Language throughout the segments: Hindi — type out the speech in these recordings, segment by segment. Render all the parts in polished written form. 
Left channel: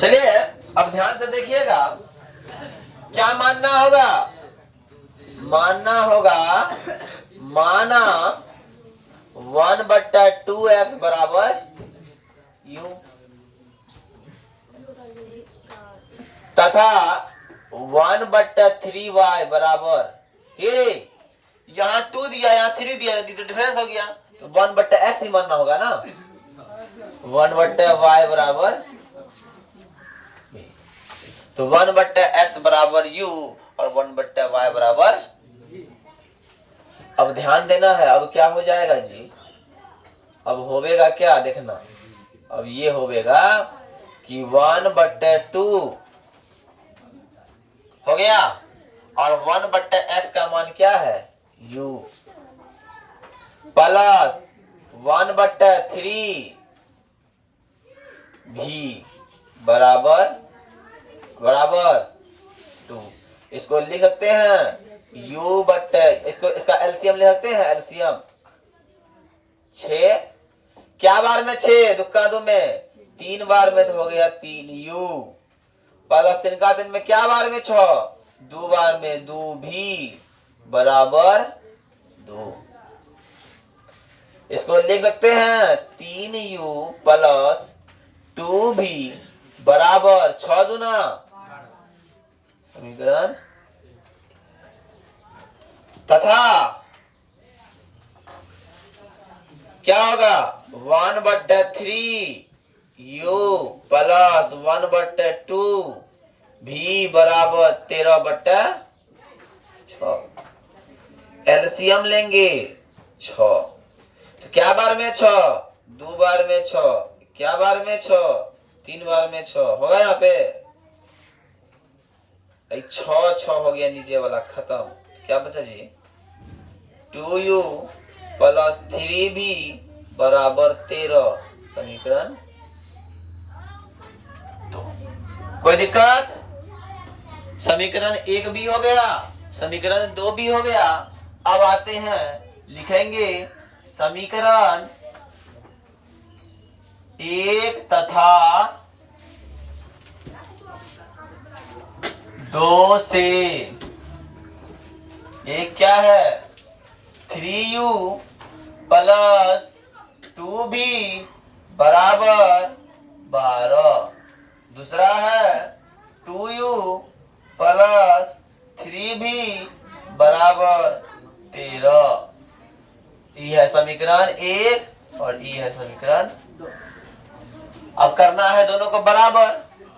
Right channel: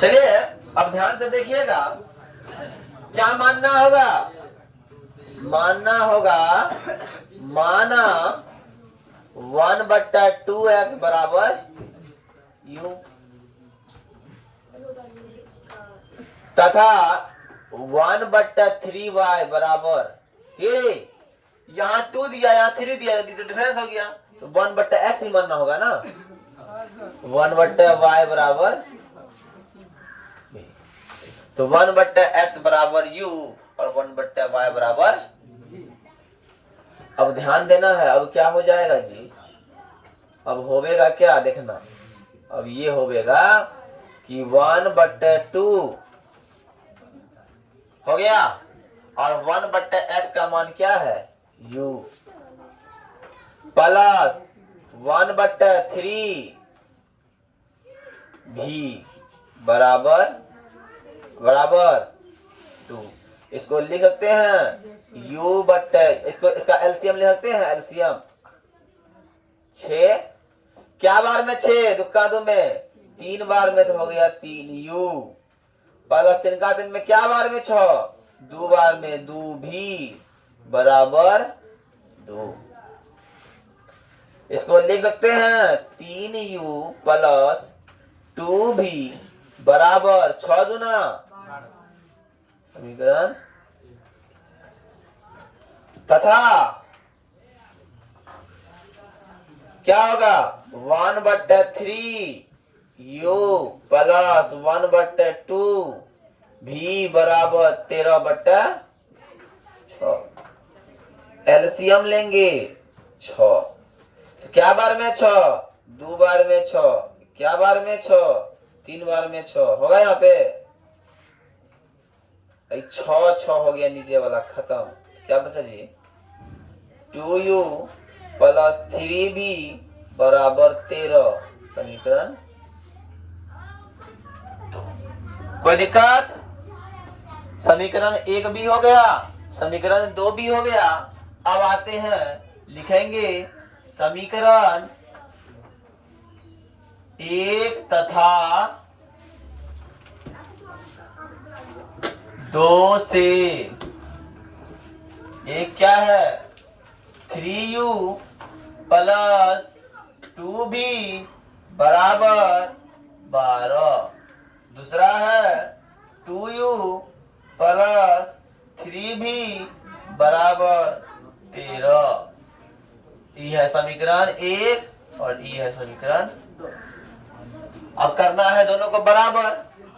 चलिए अब ध्यान से देखिएगा, क्या मानना होगा? मानना होगा, माना 1/2x बराबर u तथा 1/3y बराबर, ये यहाँ 2 दिया, यहाँ 3 दिया, तो डिफरेंस हो गया, तो 1/x ही मानना होगा ना। 1/y बराबर, तो 1/x बराबर u और 1/y बराबर। अब ध्यान देना है, अब क्या हो जाएगा जी? अब होवेगा क्या देखना, अब ये होवेगा कि 1/2 हो गया और 1/x का मान क्या है u प्लस 1/3 भी बराबर 2। इसको लिख सकते हैं u बट्टे, इसका एलसीएम ले सकते हैं, एलसीएम 6 क्या बार में 6 दुक्का दो में 3 बार में, तो हो गया 3u प्लस 3 का 3 में क्या बार में 6 2 बार में 2 भी बराबर 2। इसको लिख सकते हैं 3u प्लस 2 भी बराबर 6 दूना समीकरण, तथा क्या होगा 1/3 u प्लस 1/2 भी बराबर 13/6। एलसीएम लेंगे 6, तो क्या बार में 6 2 बार में 6, क्या बार में 6 3 बार में 6 होगा यहाँ पे 6 हो गया, नीचे वाला खत्म। क्या बचा जी 2u प्लस 3 भी बराबर 13 समीकरण। कोई दिक्कत? समीकरण 1 भी हो गया, समीकरण 2 भी हो गया। अब आते हैं, लिखेंगे समीकरण 1 तथा 2 से एक क्या है 3u प्लस 2 भी बराबर 12। दूसरा है 2u प्लस 3 भी बराबर 13। ये है समीकरण 1 और ये है समीकरण 2। अब करना है दोनों को बराबर,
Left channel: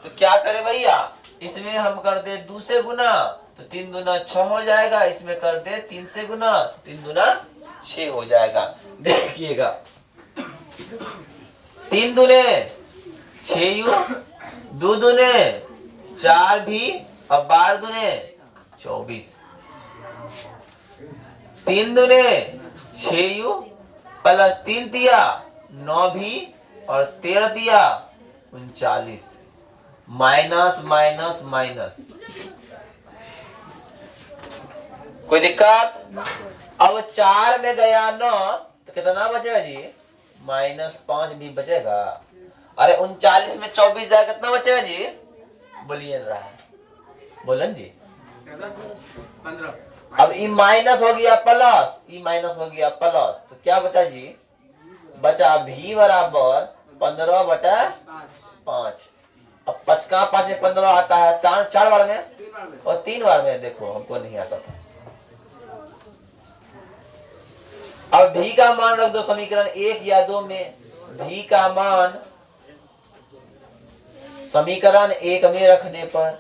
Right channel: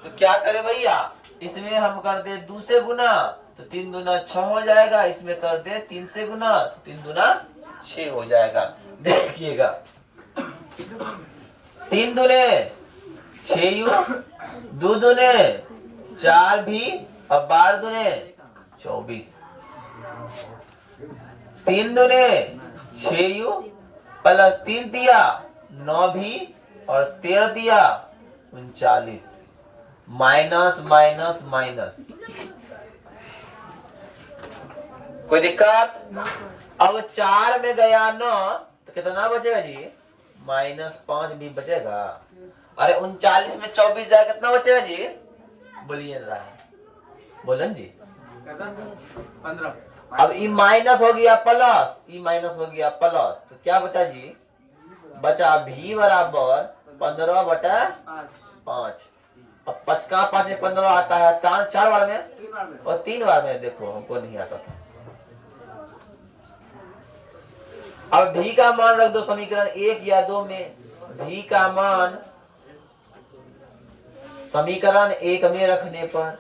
तो क्या करें भैया, इसमें हम कर दे 2 से गुना, तो 3 दूना 6 हो जाएगा। इसमें कर दे 3 से गुना, 3 दूना 6 हो जाएगा। देखिएगा 3 दूने 6u, 2 दूने 4 भी, अब 12 दूने 24, 3 दूने 6u प्लस 3 दिया 9 भी और 13 दिया 39, माइनस माइनस माइनस। कोई दिक्कत? अब 4 में गया 9, तो कितना बचेगा जी -5 भी बचेगा। अरे 39 में 24 जाएगा, कितना बचेगा जी बोलिए रहा, बोलन जी 15। अब ई माइनस हो गया प्लस, ई माइनस हो गया प्लस, तो क्या बचा जी बचा v बराबर 15/5। अब 5 का 5 में 15 आता है, 4 बार में और 3 बार में, देखो हमको नहीं आता था। अब v का मान रख दो समीकरण 1 या 2 में। v का मान समीकरण 1 में रखने पर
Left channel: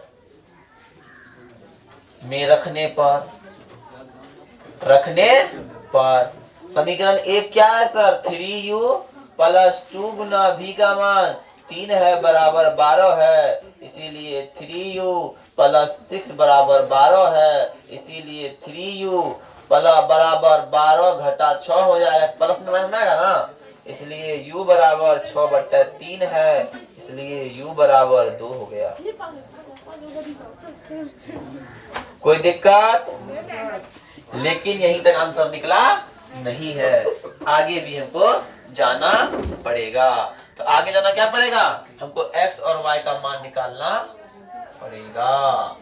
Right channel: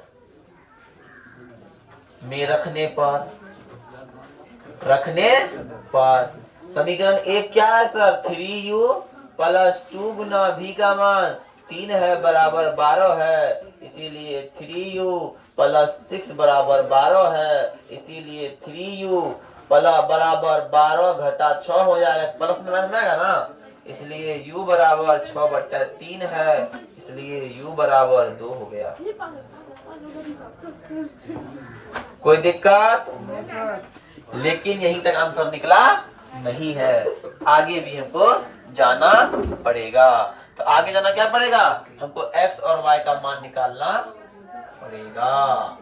समीकरण 1 क्या है सर 3u प्लस 2 गुना v का मान 3 है बराबर 12 है, इसीलिए 3u प्लस 6 बराबर 12 है, इसीलिए 3u बराबर 12 घटा 6 हो जाएगा, प्लस में माइनस में आएगा ना, इसलिए u बराबर 6/3 है, इसलिए u बराबर 2 हो गया। कोई दिक्कत? लेकिन यहीं तक आंसर निकला नहीं है, आगे भी हमको जाना पड़ेगा। तो आगे जाना क्या पड़ेगा, हमको x और y का मान निकालना पड़ेगा।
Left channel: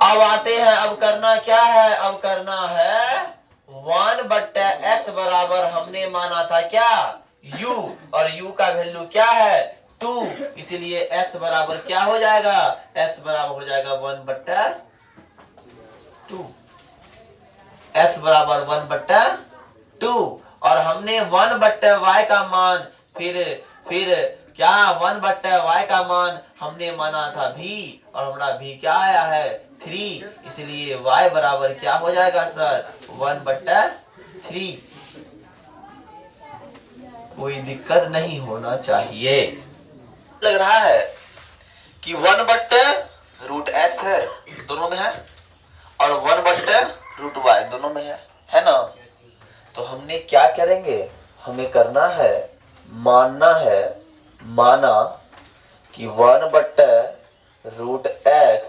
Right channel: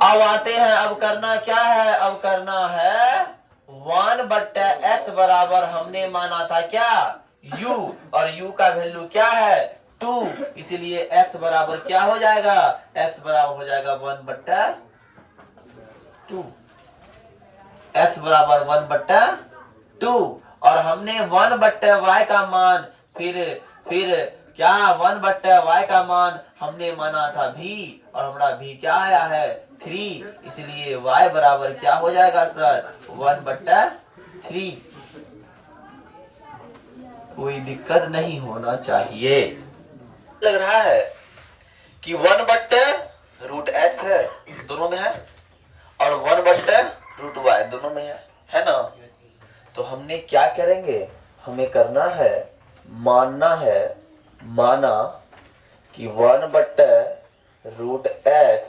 अब आते हैं, अब करना क्या है, अब करना है 1/x बराबर हमने माना था क्या u, और u का वैल्यू क्या है 2, इसीलिए x बराबर क्या हो जाएगा, x बराबर हो जाएगा 1/2, x बराबर 1/2, और हमने 1/y का मान फिर क्या 1/y का मान हमने माना था v, और हमारा v क्या आया है 3, इसलिए y बराबर क्या हो जाएगा सर 1/3। कोई दिक्कत नहीं होना चाहिए। लग रहा है कि 1/√x है, दोनों में है, और 1/√y दोनों में है ना। तो हमने क्या करेंगे, हमें करना है, माना कि 1/√x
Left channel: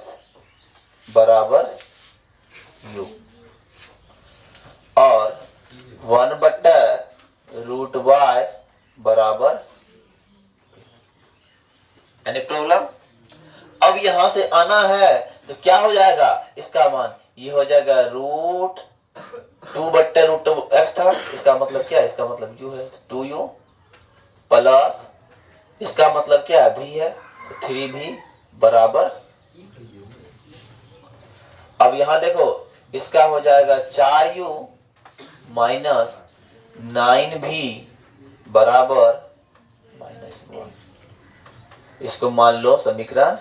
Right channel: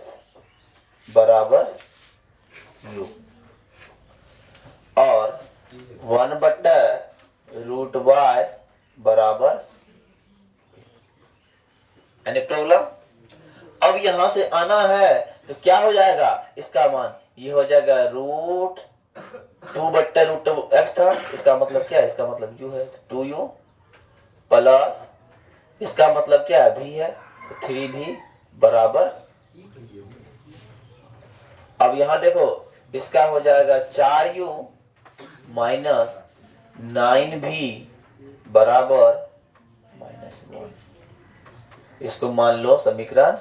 बराबर u, और 1/√y बराबर, एनी प्रॉब्लम। अब यहां से आना है तो क्या हो जाएगा, इसका मान ये हो जाएगा √2/√x था, इसका मतलब क्या है, इसका मतलब u है 2u, प्लस इसका मतलब क्या है v है, 3v बराबर। अब यहां देखो, इसका हो जाएगा 4u माइनस 9v बराबर -1। इसको मान लो समीकरण,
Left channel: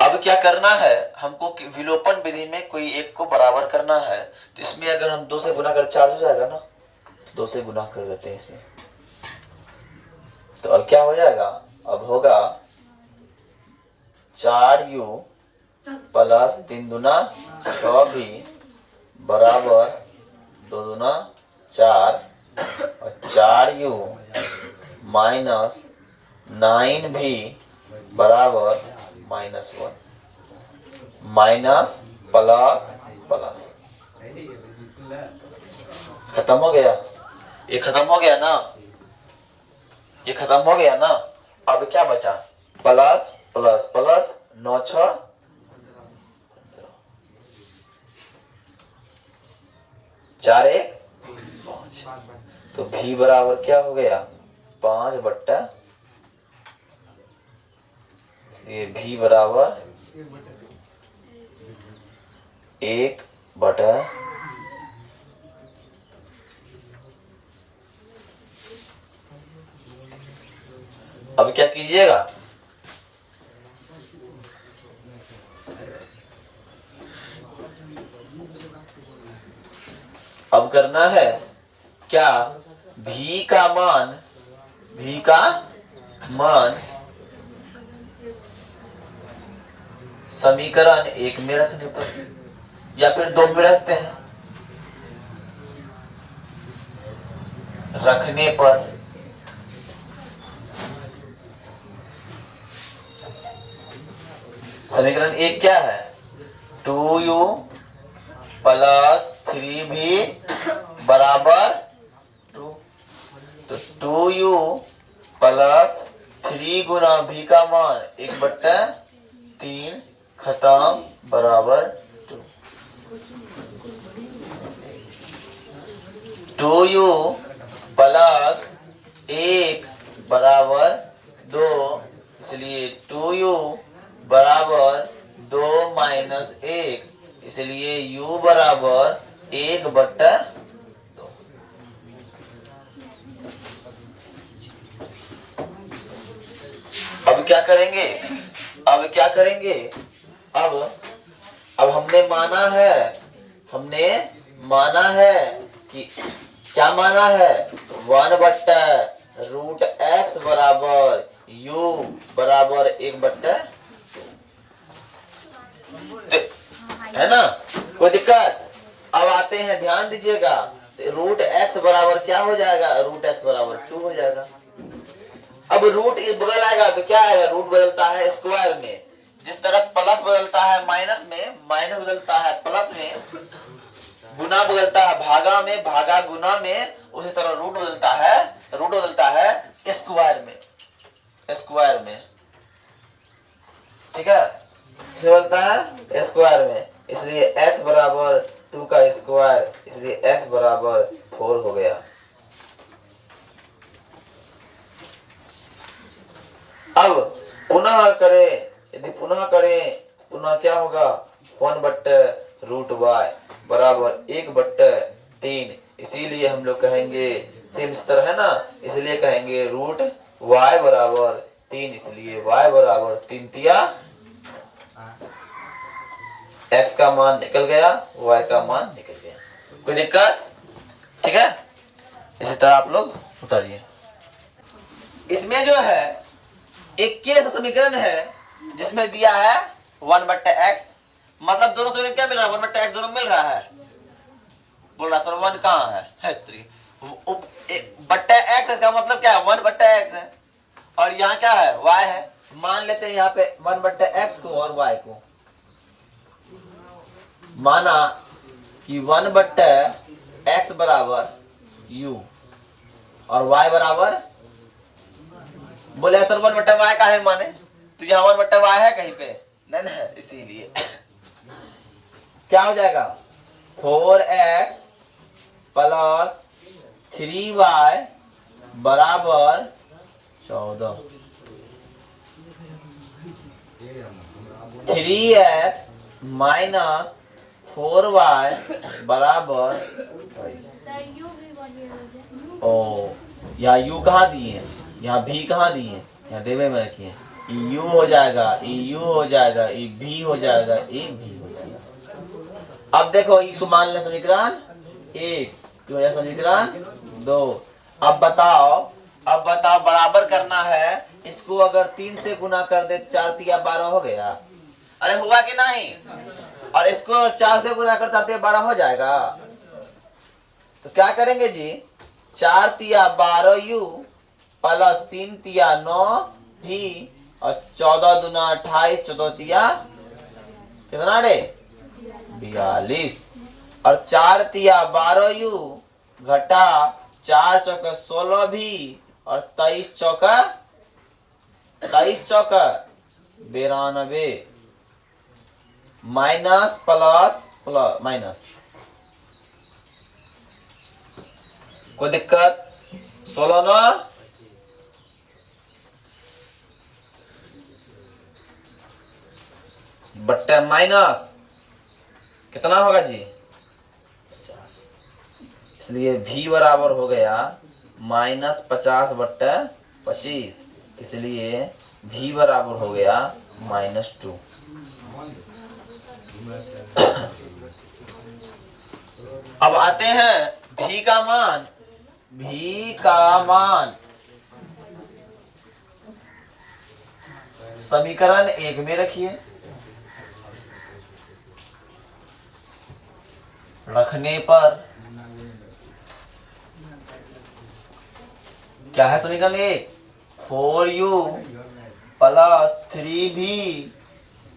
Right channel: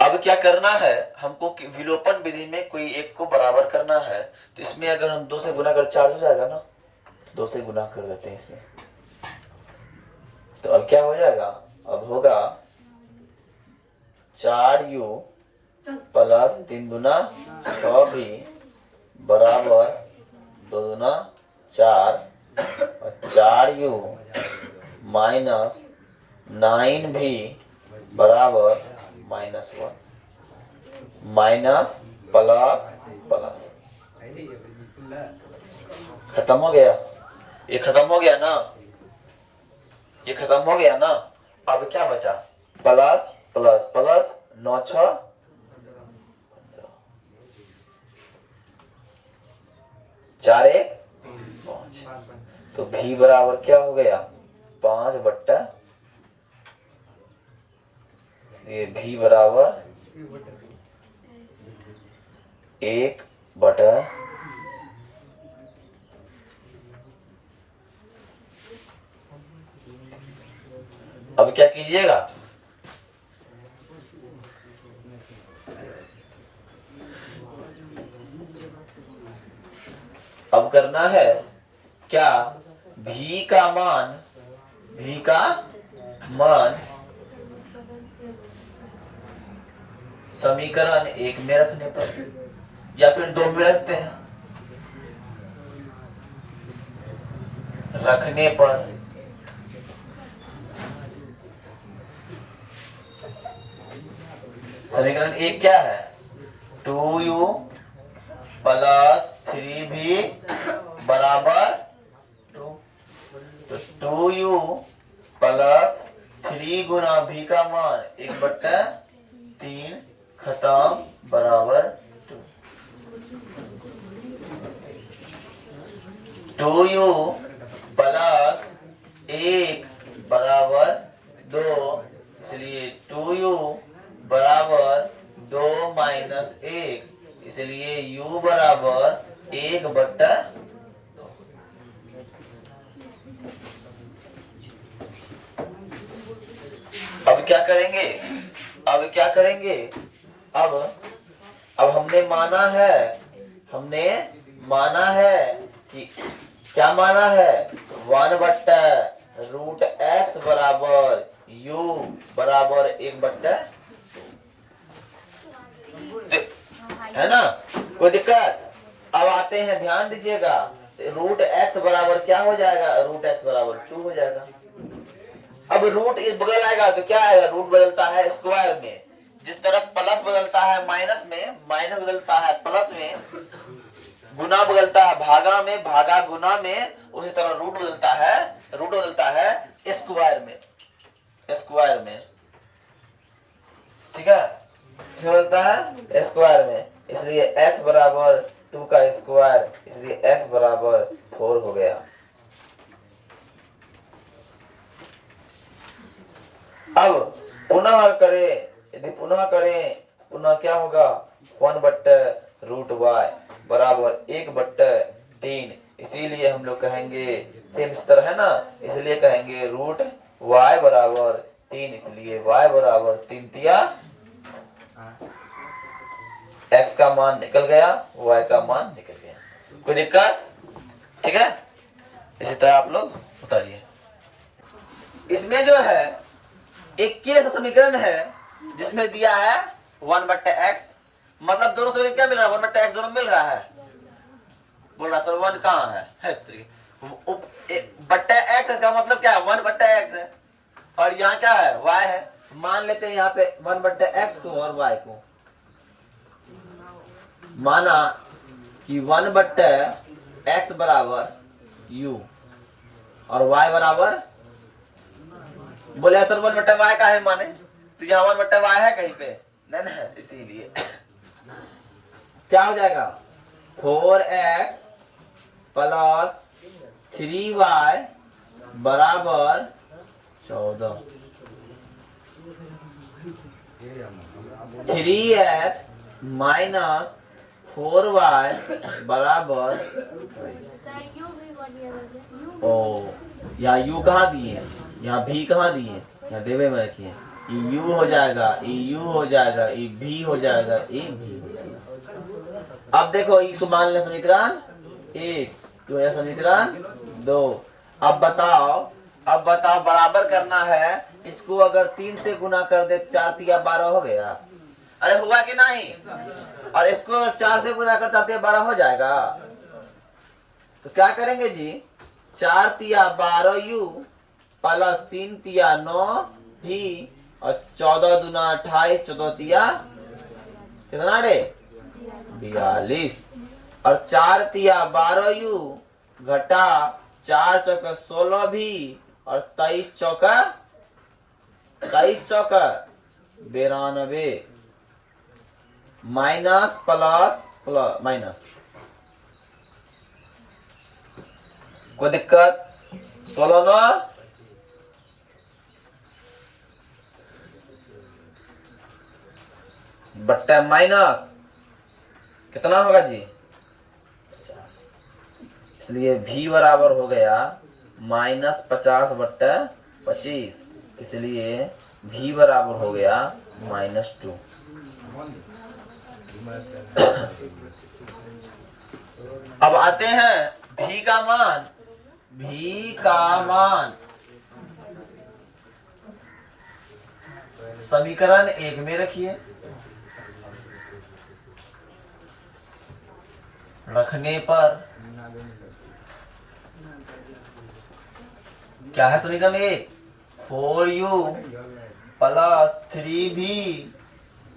अब क्या करना है हमको, विलोपन विधि में कोई एक को बराबर करना है। तो इसमें अगर हम 2 से गुना कर 4 हो जाएगा ना, तो 2 से गुना कर देते हैं इसमें। तो अब क्या हो जाएगा, अब होगा 4u प्लस 3 दूना 6v बराबर 2 दूना 4, और 4u माइनस 9v बराबर -1, माइनस प्लस प्लस, खत्म हो गया, ये खत्म हो गया ना, ये खत्म हो गया ना। अब क्या बचा, प्लस प्लस प्लस 9 6 4 1 5, तो v बराबर क्या हो गया 5/, ये v बराबर 1/, अब क्या कीजिएगा, अब करना है क्या, v का मान समीकरण 1 में रखने पर, या फिर 2 में रखते हैं, रखने पर समीकरण 1 क्या है 2u प्लस 3v बराबर 2, तो 2u प्लस 3 गुना v का मान 1/3 खत्म बराबर 2, 2u प्लस 1 बराबर 2, इसलिए 2u बराबर 2 माइनस 1, इसलिए u बराबर 1/2। अब क्या करेंगे, अब हमने माना है कि क्या माना है 1/√x बराबर u बराबर 1/, है ना, कोई दिक्कत। अब आते हैं, ध्यान दीजिएगा, √x बराबर क्या हो जाएगा, √x बराबर 2 हो जाएगा। अब रूट इस बगल आएगा तो क्या आएगा, रूट बदलता है स्क्वायर में, जिस तरह प्लस बदलता है माइनस में, माइनस बदलता है प्लस में, गुना बदलता है भागा में, भागा गुना में, उसी तरह रूट बदलता है, रूट बदलता है स्क्वायर में, स्क्वायर में। ठीक है, बदलता है स्क्वायर में, इसलिए x बराबर 2 का स्क्वायर, इसलिए x बराबर 4 हो गया। अब पुनः करें, यदि पुनः करें, पुनः क्या होगा, 1/√y बराबर 1/3। इसीलिए हम लोग कहेंगे सेम स्तर है ना, इसलिए कहेंगे रूट y बराबर 3, इसलिए y बराबर 3 तिया x का मान निकल गया, y का मान निकल गया। कोई दिक्कत? ठीक है, इसी तरह आप लोग उतारिए। इसमें जो है 21 समीकरण है जिसमें दिया है 1/x, मतलब दोनों समीकरण क्या मिल रहा है, 1/x दोनों मिल रहा है। बोल रहा सर 1 कहाँ है 3 बट्टा x, इसका मतलब क्या है 1/x है, और यहाँ क्या है y है। मान लेते हैं यहाँ पे 1/x को और y को, माना कि 1/x बराबर u और y बराबर, बोले सर 1/y का है माने, तो यहाँ 1/y है कहीं पे नहीं है, इसीलिए क्या हो जाएगा 4x प्लस 3y बराबर 14, 3x माइनस 4y बराबर, ओ यहाँ u कहाँ दिए, यहाँ v कहाँ दिए, यहाँ देवे में रखिए, u हो जाएगा, u हो जाएगा, v हो जाएगा, v हो जाएगा। अब देखो इसको मान ले समीकरण 1, तो यह समीकरण 2। अब बताओ बराबर करना है, इसको अगर 3 से गुना कर दे 4 तिया 12 हो गया, अरे हुआ कि नहीं, और इसको 4 से गुना कर 4 तिया 12 हो जाएगा। तो क्या करेंगे जी, 4 तिया 12u प्लस 3 तिया 9v और 14 दूना 28, 14 तिया कितना रे 42, और 4 तिया 12u घटा 4 चौका 16v और 23 चौका 92, माइनस प्लस प्लस माइनस, कोई दिक्कत, 16 ना बट्टा माइनस कितना होगा जी 50, इसलिए v बराबर हो गया -50/25, इसलिए v बराबर हो गया -2। अब आते हैं v का मान, समीकरण 1 में रखिए, रखने पर क्या है समीकरण 1, 4u प्लस 3v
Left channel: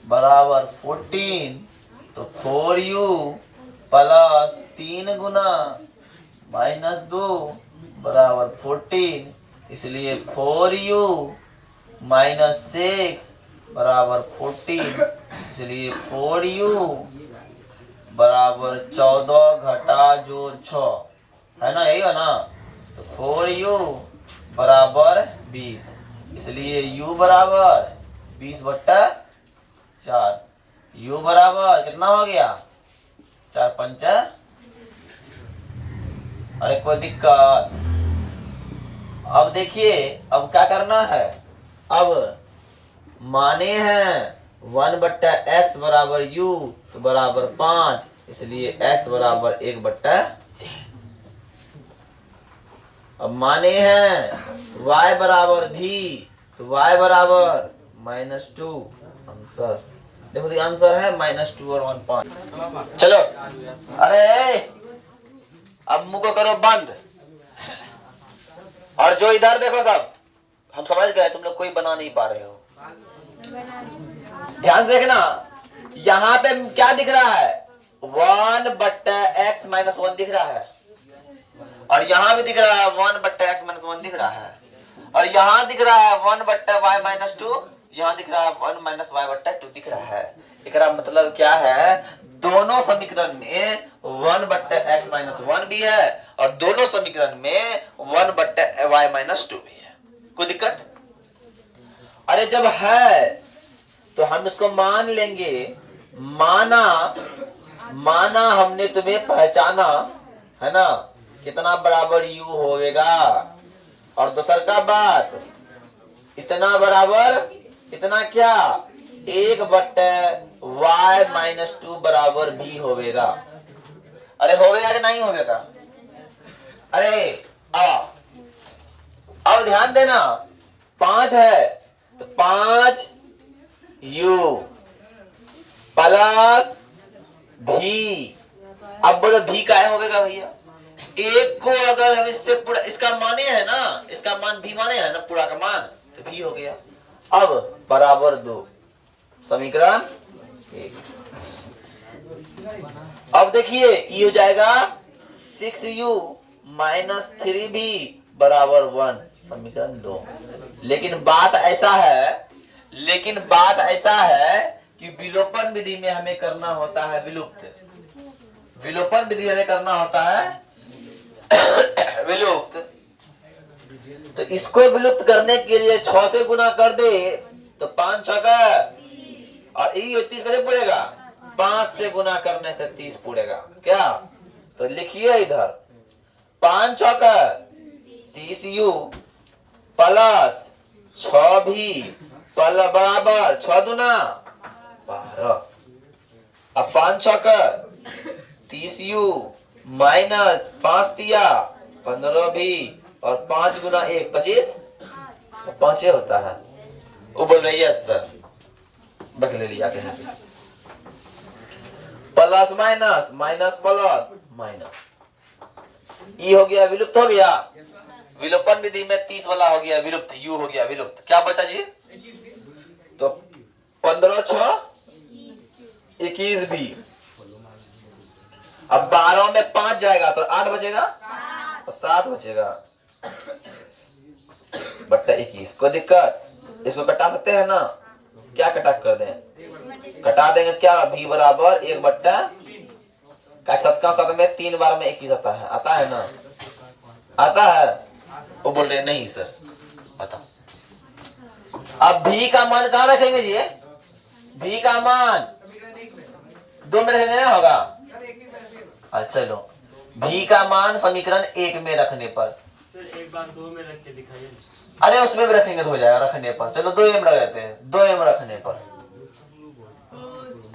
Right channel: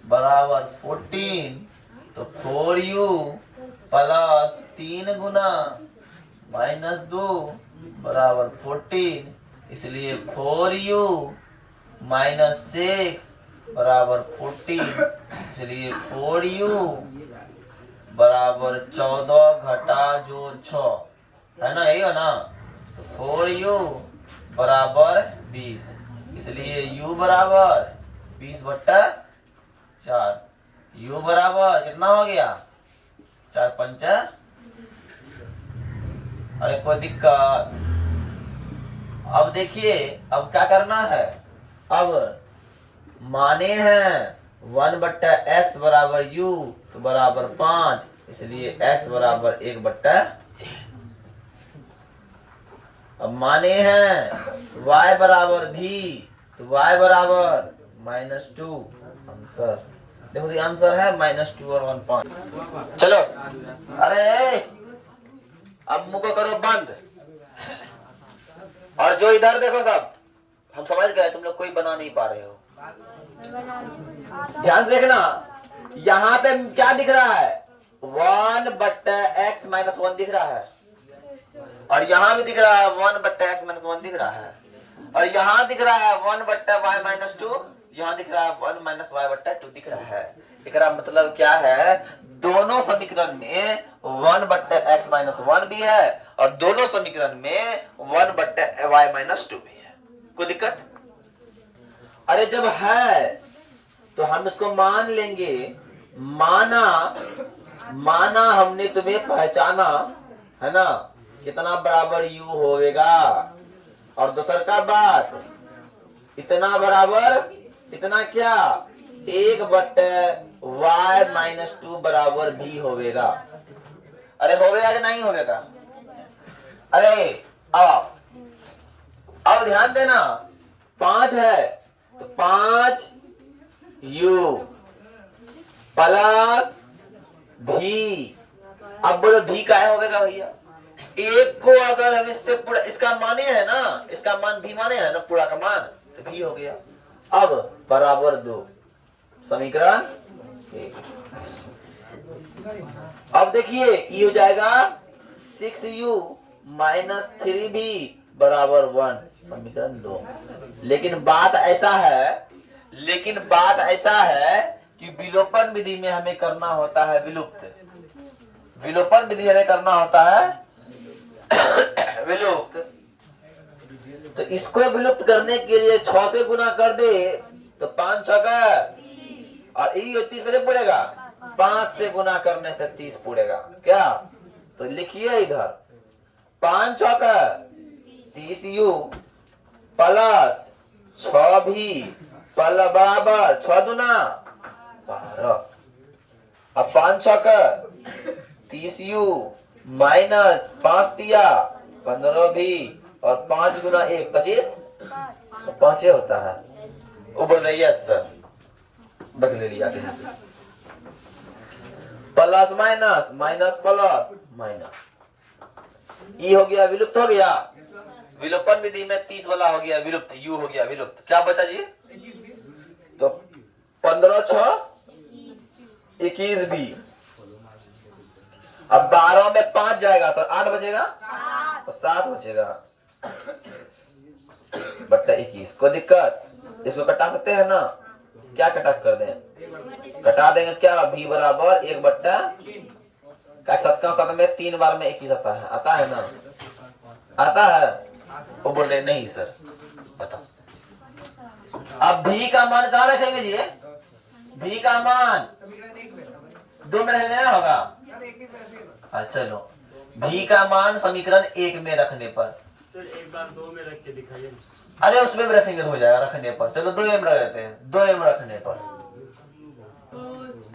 बराबर 14, तो 4u प्लस 3 गुना -2 बराबर 14, इसलिए 4u माइनस 6 बराबर 14, इसलिए 4u बराबर 14 घटा जोड़ 6 है ना, यही है ना, तो 4u बराबर 20, इसलिए u बराबर 20/4, u बराबर कितना हो गया 4 5, अरे कोई दिक्कत। अब देखिए अब क्या करना है, अब माने हैं 1/x बराबर u तो बराबर 5, इसलिए x बराबर 1/, अब माने हैं y बराबर v तो y बराबर -2, आंसर देखो जी, आंसर है -2 और 1.5। चलो अरे अब मुंह को करो बंद, और जो इधर देखो सब हम समझ गए, तुम लोग कोई बना नहीं पा रहे हो। ध्यान से देखना, यहाँ पे क्या दिख रहा है, 1/x-1 दिख रहा है, और यहाँ भी दिख रहा है 1/x-1 दिख रहा है, और यहाँ दिख रहा है 1/y-2, यहाँ दिख रहा है 1-y/2 दिख रहा है। इसका मतलब क्या है, दोनों समीकरण में 1/x-1 भी है और दोनों समीकरण में 1/y-2 भी है। कोई दिक्कत? अरे जब है तो हम इसको मान लेंगे, माना हमने तुम्हें पहचाना है ना, कितना बराबर u होगा, और दूसर का बात, इतना बराबर इतना क्या, 1/y-2 बराबर भी होगा। अरे होगा कि नहीं होगा? अरे अब ध्यान देना, 5 है तो 5u प्लस भी। अब बोलो भी का होगा भैया, एक को अगर हम इससे पूरा, इसका माने है ना, इसका मान भी माने है ना, पूरा का मान, तो भी हो गया। अब बराबर 2, समीकरण 1। अब देखिए ये हो जाएगा 6u माइनस 3b बराबर 1, समीकरण 2। लेकिन बात ऐसा है कि विलोपन विधि में हमें करना होता है विलुप्त, विलोपन विधि हमें करना होता है विलुप्त। तो इसको विलुप्त करने के लिए 6 से गुना कर दे तो 5 6 का, और 30 कैसे पड़ेगा, 5 से गुना करने से 30 पड़ेगा क्या। तो लिखिए इधर 5 6 का 30u प्लस 6 भी बराबर 6 दूना 12। अब 5 6 का 30u माइनस 5 दिया 15 भी, और 5 गुना 1 25, 5 होता है। वो बोल रही है सर बक ले लिया, plus minus minus plus minus, ई हो गया विलुप्त, हो गया विलोपन विधि में 30 वाला हो गया विलुप्त, यू हो गया विलुप्त। क्या बचा जी, तो 15 6 21 भी। अब 12 में 5 जाएगा तो 8 बचेगा और 7 बचेगा बट्टा 21। कोई दिक्कत? इसको कटा सकते हैं ना, क्या कटा कर दें, कटा देंगे क्या, भी बराबर 1/7 में 3 बार में 21 आता है ना, आता है। वो बोल रहे नहीं सर बताओ। अब भी का मान कहाँ रखेंगे जी, भी का मान 2 में रखेंगे ना होगा। अच्छा चलो, भी का मान समीकरण 1 में रखने पर, एक बार 2 में रख के दिखाइए। अरे उसमें भी रखेंगे तो हो जाएगा रखने पर। चलो 2m रख देते हैं, 2m रखने पर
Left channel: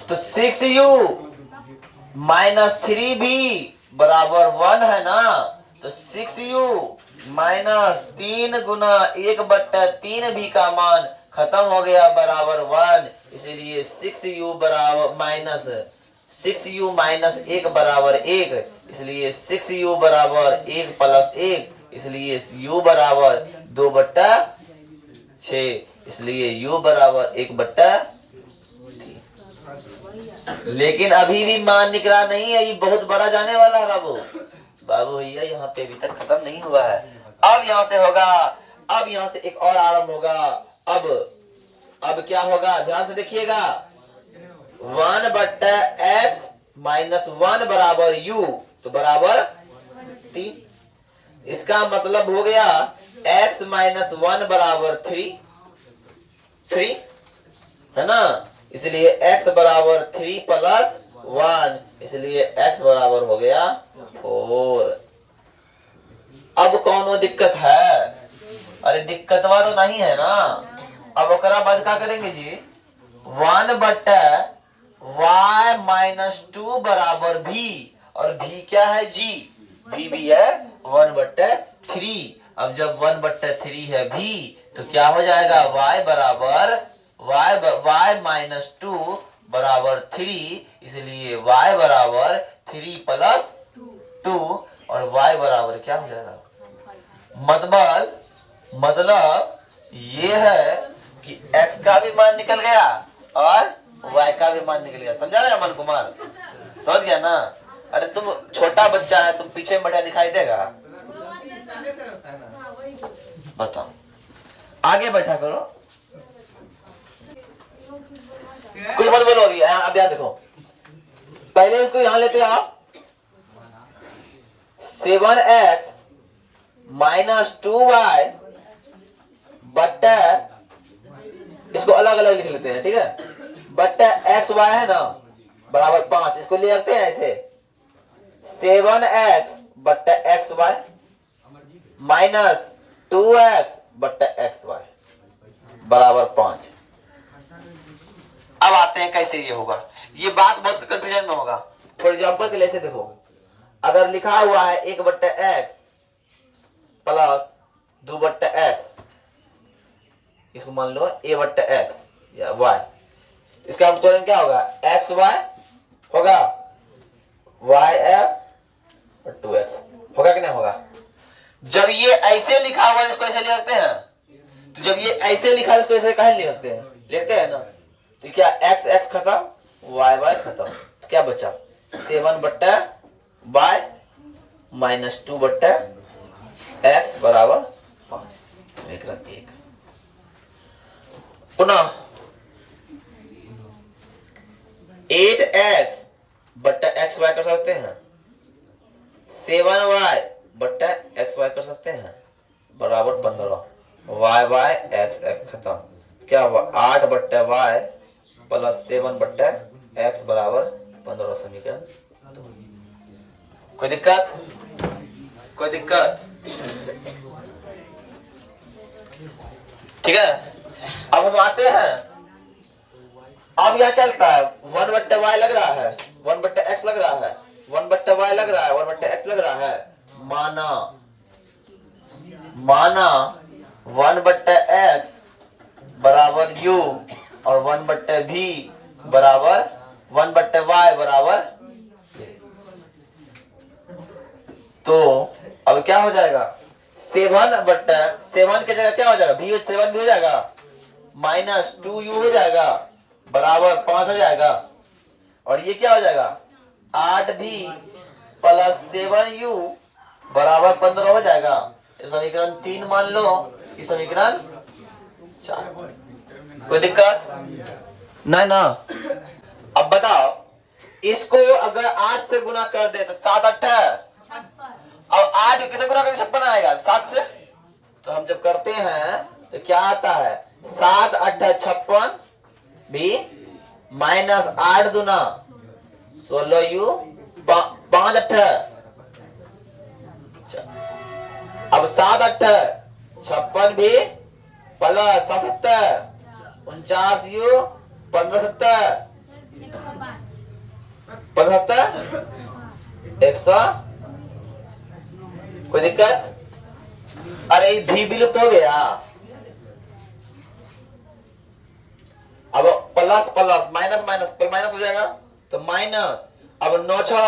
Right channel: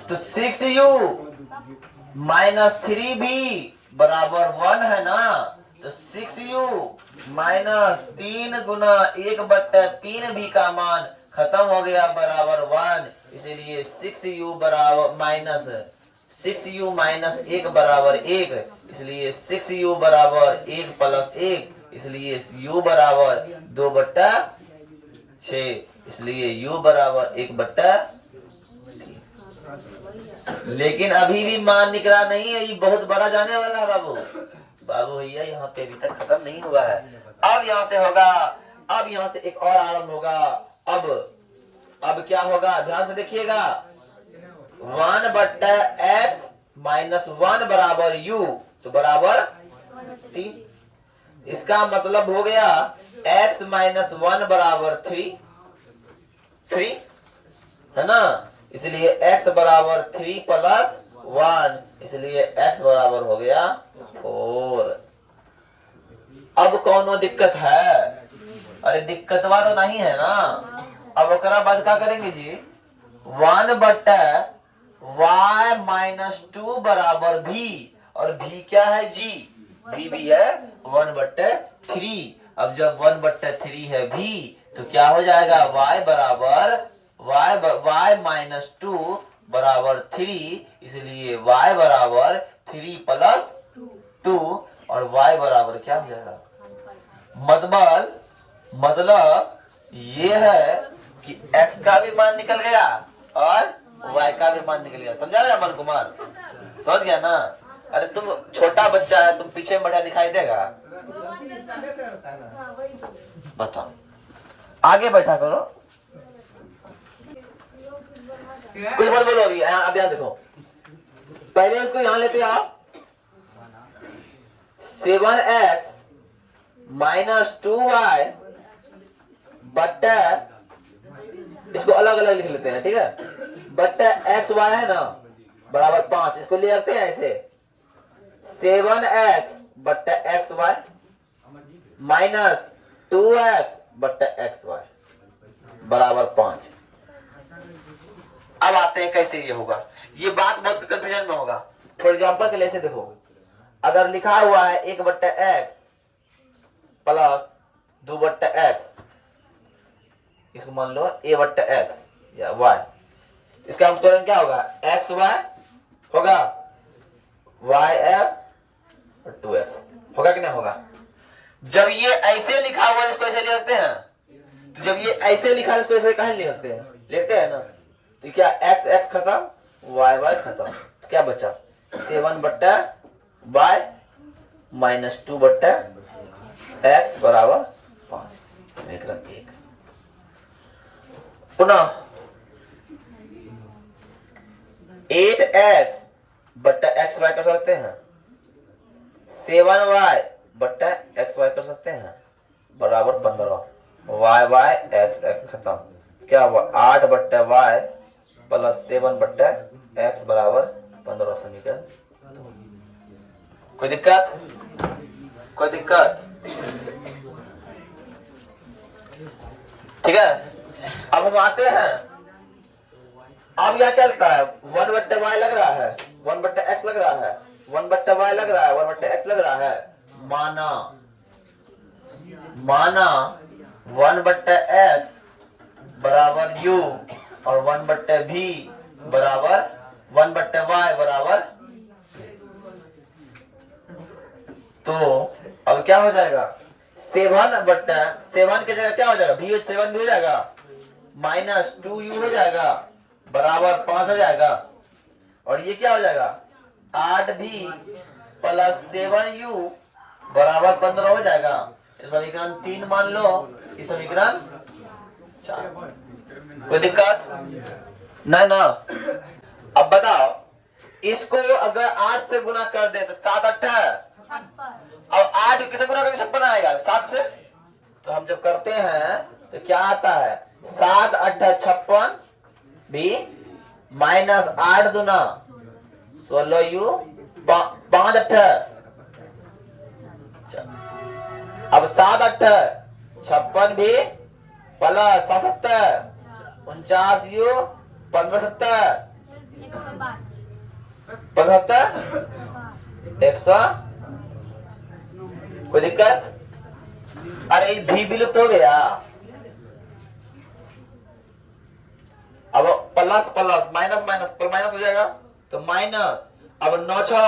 तो 6u माइनस 3b बराबर 1 है ना, तो 6u माइनस 3 गुना 1/3 भी का मान खत्म हो गया बराबर 1, इसलिए 6u बराबर माइनस 6u माइनस 1 बराबर 1, इसलिए 6u बराबर 1 प्लस 1, इसलिए u बराबर 2/6, इसलिए u बराबर 1/3। लेकिन अभी भी मान निकला नहीं है, ये बहुत बड़ा जाने वाला है बाबू। बाबू भैया यहाँ पे अभी तक खत्म नहीं हुआ है, अब यहाँ से होगा, अब यहाँ से एक और आरंभ होगा। अब क्या होगा, ध्यान से देखिएगा, 1/x-1 बराबर u, तो बराबर 3। इसका मतलब हो गया x-1 बराबर 3 है ना, इसलिए x बराबर 3 प्लस 1, इसलिए x बराबर हो गया 4। अब कौन दिक्कत है, अरे दिक्कत वाला नहीं है ना। अब ओकरा बाद क्या करेंगे जी, 1/y-2 बराबर भी, और भी क्या है जी, भी है 1/3। अब जब 1/3 है भी तो क्या हो जाएगा, y बराबर y-2 बराबर 3, इसलिए y बराबर 3 प्लस 2, और y बराबर क्या हो जाएगा, मतलब ये है कि x का भी मान निकल गया और y का भी मान निकल गया। समझा रहे अमन कुमार? समझ गया ना? अरे तुम छोटा बच्चा है, तुम पीछे में बैठा दिखाई देगा? बताओ, आगे बैठा करो, कुछ मत बोलो। अभी अब यहाँ देखो, पहले इसको यहाँ लेते आओ। 7x माइनस 2y बट्टा, इसको अलग अलग लिख लेते हैं, ठीक है? बट्टा एक्स वाई है ना बराबर 5, इसको ले रखते हैं ऐसे। 7x बट्टा एक्स वाई माइनस 2x बट्टा एक्स वाई बराबर 5। अब आते हैं कैसे ये होगा। ये बात बहुत कंफ्यूजन में होगा। फॉर एग्जाम्पल के लिए से देखो, अगर लिखा हुआ है 1 बट्टा एक्स प्लस 2 बट्टा एक्स, इसको मान लो a बट्टा एक्स या y, इसका उत्तर क्या होगा? एक्स वाई होगा, वाई एफ और 2x होगा कि नहीं होगा? जब ये ऐसे लिखा हुआ है इसको ऐसे लिखते हैं, तो जब ये ऐसे लिखा है इसको ऐसे कहीं लिखते हैं? लिखते हैं ना। तो क्या x x खत्म, y y खत्म, तो क्या बचा? 7 बट्टा y माइनस 2 बट्टा x बराबर 5। समीकरण 1। पुनः 8x बट्टा एक्स वाई कर सकते हैं, 7y बट्टा एक्स वाई कर सकते हैं बराबर 15, वाई वाई एक्स एक्स खत्म। क्या हुआ? 8 बट्टा वाई प्लस 7 बट्टा एक्स बराबर 15। समीकरण। कोई दिक्कत? कोई दिक्कत? ठीक है, अब हम आते हैं। अब यह क्या लगता है? 1 बट्टा वाई लग रहा है, 1 बट्टा एक्स लग रहा है, 1 बट्टा वाई लग रहा है, 1 बट्टा एक्स लग रहा है। माना 1 बट्टा एक्स बराबर u और 1 बट्टा v बराबर 1 बट्टा वाई बराबर। तो अब क्या हो जाएगा? 7 बट्टा 7 की जगह क्या हो जाएगा? v 7 भी हो जाएगा, माइनस 2u हो जाएगा बराबर 5 हो जाएगा। और ये क्या हो जाएगा? 8v प्लस 7u बराबर 15 हो जाएगा। समीकरण 3 मान लो, कि समीकरण 4। कोई दिक्कत नहीं ना? अब बताओ, इसको अगर 8 से गुना कर दे तो 7 8 है, अब 8 किसे गुना करके 56 आएगा 7 से। तो हम जब करते हैं तो क्या आता है? 7 8 56 भी माइनस 8 दूना 16u 5 8। अब 7 8 56 भी प्लस 77 49u 15 70 75 100। कोई दिक्कत? अरे भी विलुप्त हो गया। अब प्लस प्लस माइनस माइनस पर माइनस हो जाएगा, तो माइनस। अब 9 6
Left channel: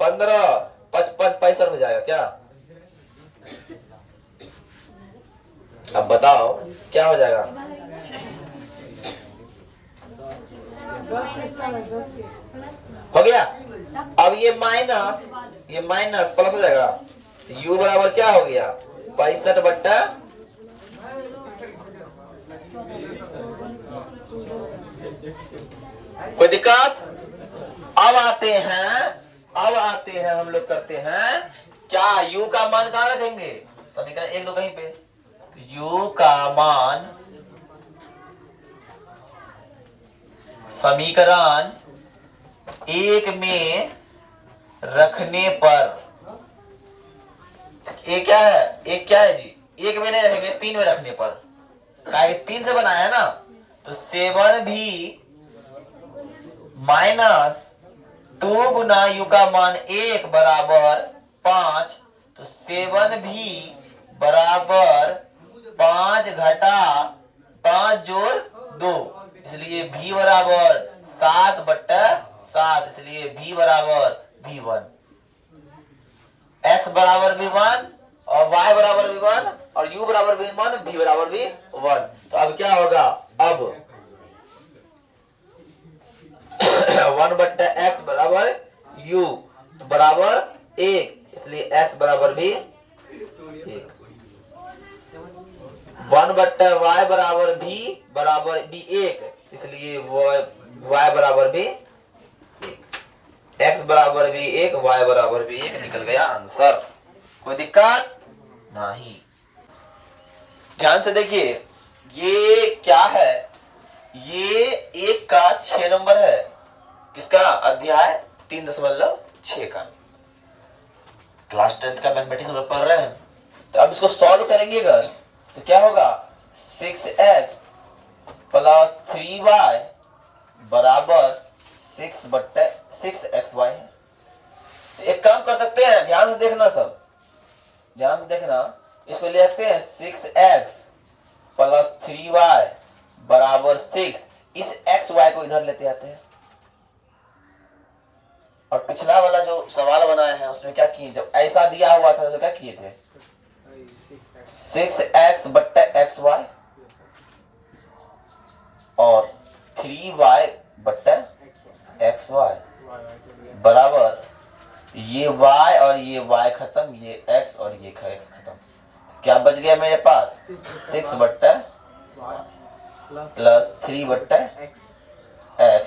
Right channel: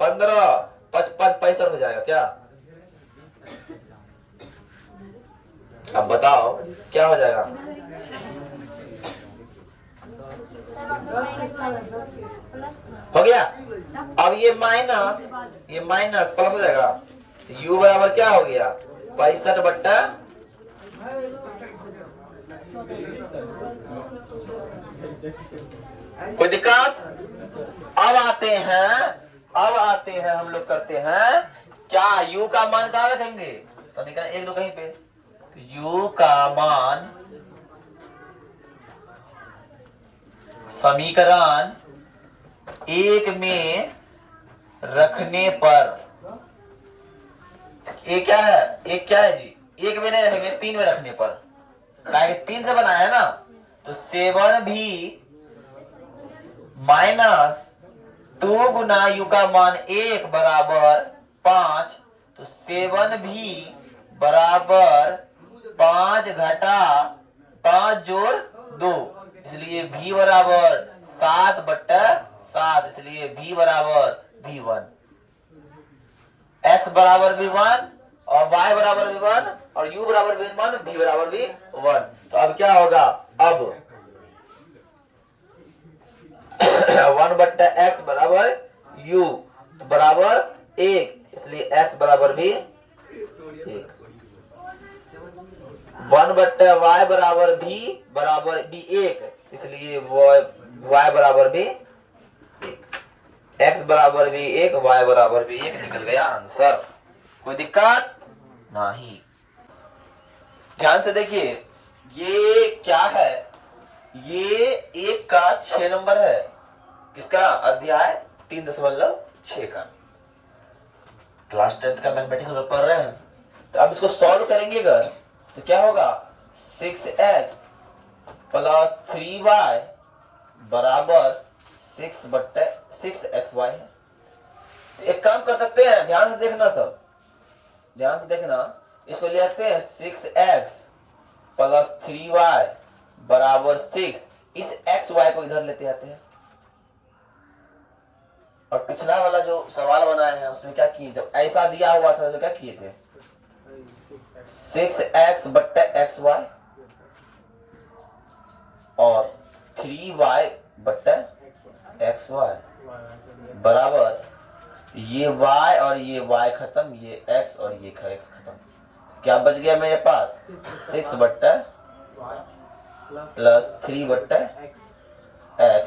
15 55 65 हो जाएगा क्या? अब बताओ क्या हो जाएगा? हो गया। अब ये माइनस प्लस हो जाएगा, तो u बराबर क्या हो गया? 65 बट्टा कोई दिक्कत? अब आते हैं हम लोग करते हैं क्या? u का मान कहां रखेंगे? समीकरण 1 2 कहीं पे। तो u का मान समीकरण 1 में रखने पर एक क्या है? एक क्या है जी? 1 में नहीं रखेंगे, 3 में रखने पर। 3 से बनाया है ना, तो 7 भी माइनस 2 गुना u का मान 1 बराबर 5, तो 7 भी बराबर 5 घटा 5 जोड़ 2, इसलिए v बराबर 7 बट्टा 7, इसलिए v बराबर v1। x बराबर v1 और y बराबर v1 और u बराबर v1, v बराबर v1। तो अब क्या होगा? अब वन बट्टा एक्स बराबर यू, तो बराबर 1, इसलिए एक्स बराबर भी 1। वन बट्टा वाई बराबर भी 1, इसलिए वाई बराबर भी 1। एक्स बराबर भी 1, वाई बराबर भी 1, निकल गया आंसर। कोई दिक्कत नहीं। ध्यान से देखिए, ये क्या है, ये 1 का 6 नंबर है। किसका? अध्याय 3.6 का। क्लास 10 का मैथमेटिक्स हम लोग पढ़ रहे हैं। तो अब इसको सॉल्व करेंगे अगर, तो क्या होगा? 6x प्लस 3y बराबर 6/6xy है। तो एक काम कर सकते हैं, ध्यान से देखना, सब ध्यान से देखना। इसको ले आते हैं 6x प्लस 3y बराबर 6। इस xy को इधर लेते आते हैं, और पिछला वाला जो सवाल बनाए हैं उसमें क्या किए, जब ऐसा दिया हुआ था तो क्या किए थे? 6x बट्टा xy और 3y बट्टा xy बराबर ये y और ये y खत्म, ये x और ये x खत्म। क्या बच गया मेरे पास? 6 बट्टा प्लस 3 बट्टा x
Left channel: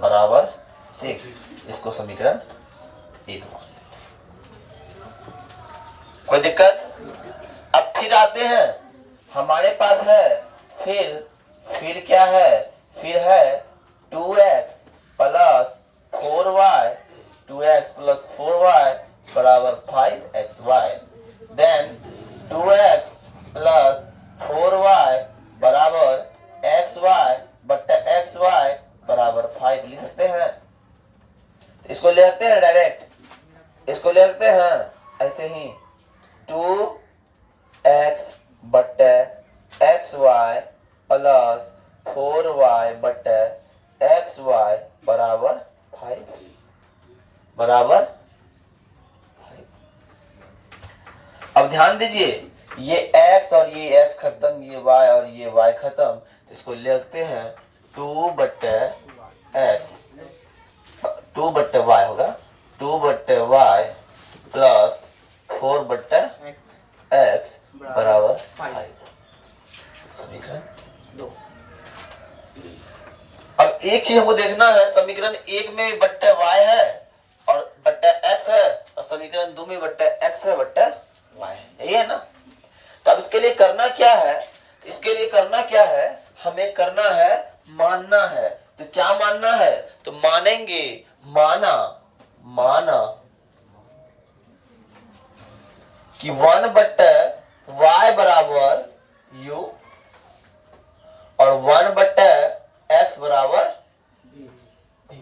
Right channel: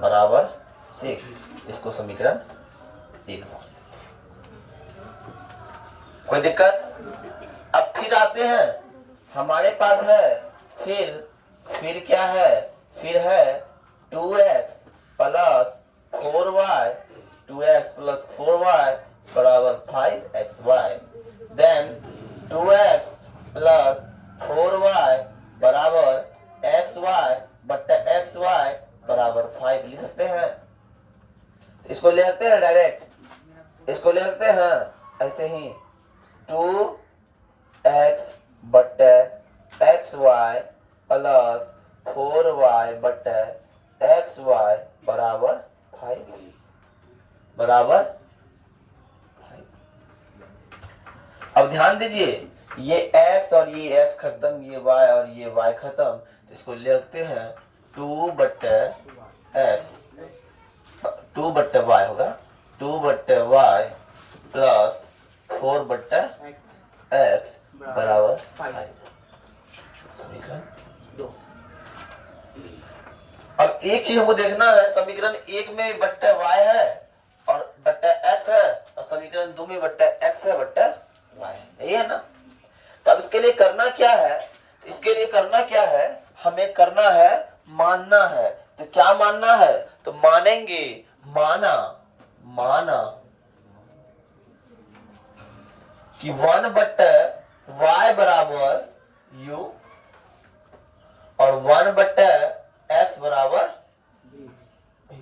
बराबर 6। इसको समीकरण 1 मान लेते। कोई दिक्कत? अब फिर आते हैं, हमारे पास है फिर क्या है? फिर है 2x plus 4y, 2x plus 4y बराबर 5xy। Then 2x plus 4y बराबर xy बट्टा xy बराबर 5 लिख सकते हैं। इसको ले आते हैं डायरेक्ट, इसको ले आते हैं ऐसे ही, 2x बट्टे xy प्लस 4y बट्टे xy बराबर 5 बराबर 5। अब ध्यान दीजिए, ये x और ये x खत्म, ये y और ये y खत्म, तो इसको ले आते हैं 2 बट्टे x, 2 बट्टे y होगा, 2 बट्टे y प्लस 4 बट्टे x बराबर 5। समीकरण 2। अब एक चीज हमको देखना है, समीकरण 1 में बट्टे y है और बट्टे x है, और समीकरण 2 में बट्टे x है बट्टे y है, यही है ना? तो अब इसके लिए करना क्या है? इसके लिए करना क्या है? हमें करना है, मानना है। तो क्या मानना है? तो मानेंगे, माना कि 1 बट्टे y बराबर u और 1 बट्टे x बराबर b।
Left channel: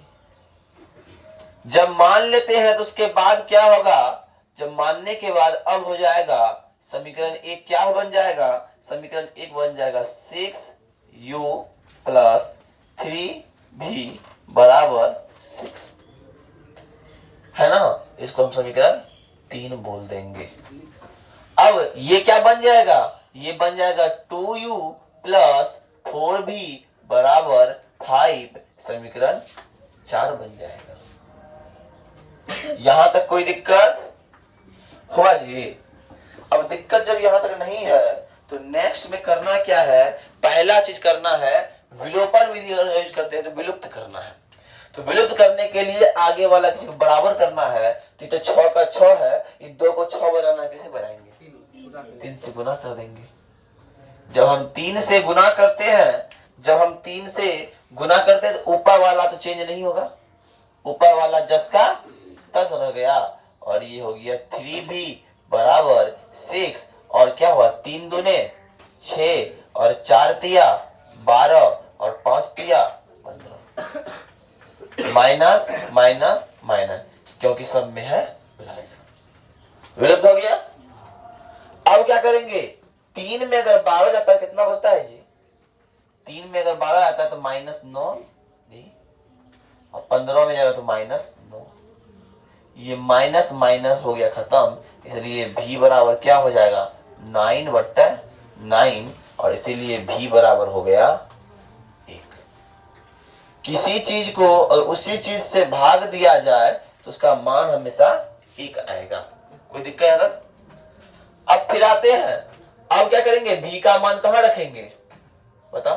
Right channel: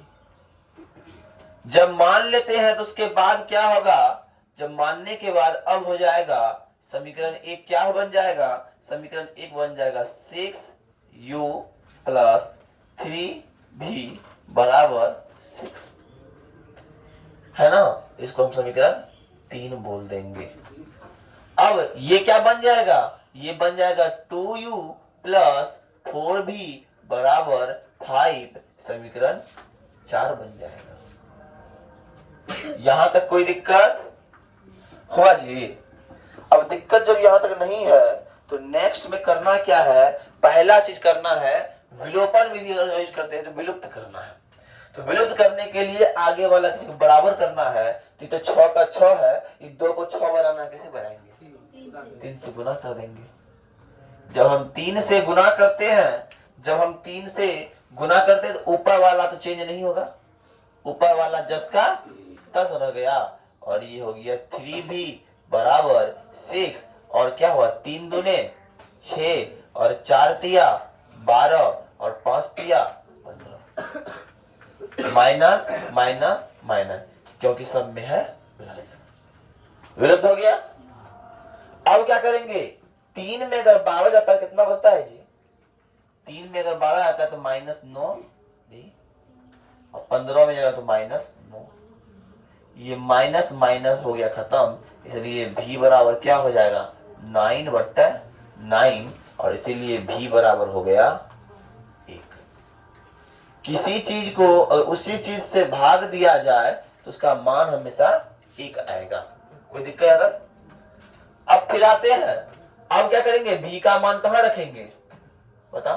जब मान लेते हैं तो उसके बाद क्या होगा? जब मानने के बाद अब हो जाएगा समीकरण 1 क्या बन जाएगा? समीकरण 1 बन जाएगा 6u प्लस 3v बराबर 6, है ना? इसको हम समीकरण 3 बोल देंगे। अब ये क्या बन जाएगा? ये बन जाएगा 2u प्लस 4v बराबर 5, समीकरण 4 बन जाएगा। यहां तक कोई दिक्कत हुआ जी? अब दिक्कत जब यहां तक नहीं है तो नेक्स्ट में करना क्या है? पहला चीज करना है, विलोपन विधि यूज करते हैं तो विलुप्त करना है। तो विलुप्त करने के लिए आगे वाला किसी को बराबर करना है, तो 6 का 6 है, इन 2 को 6 बनाना है, कैसे बनाएंगे? 3 से गुना कर देंगे। जब हम 3 से गुना करते हैं, जब हम 3 से गुना करते हैं तो ऊपर वाला तो चेंज नहीं होगा, ऊपर वाला जस का तस हो गया, और ये हो गया 3v बराबर 6, और क्या हुआ? 3 दूने 6 और 4 तिया 12 और 5 तिया 15। माइनस माइनस माइनस, क्योंकि सब में है प्लस, विलुप्त हो गया। अब क्या करेंगे? 3 में अगर 12 जाता है कितना बचता है जी? 3 में अगर 12 आता है तो -9, और 15 में जाएगा तो -9। ये माइनस माइनस हो गया खत्म, इसलिए v बराबर क्या हो जाएगा? 9/9, और इसीलिए v बराबर हो गया 1। किसी चीज को और उसी चीज से भाग दिया जाए तो उसका मान हमेशा 1 आएगा। कोई दिक्कत है तब? अब फिर आते हैं, अब क्या करेंगे, भी का मान कहां रखेंगे बता।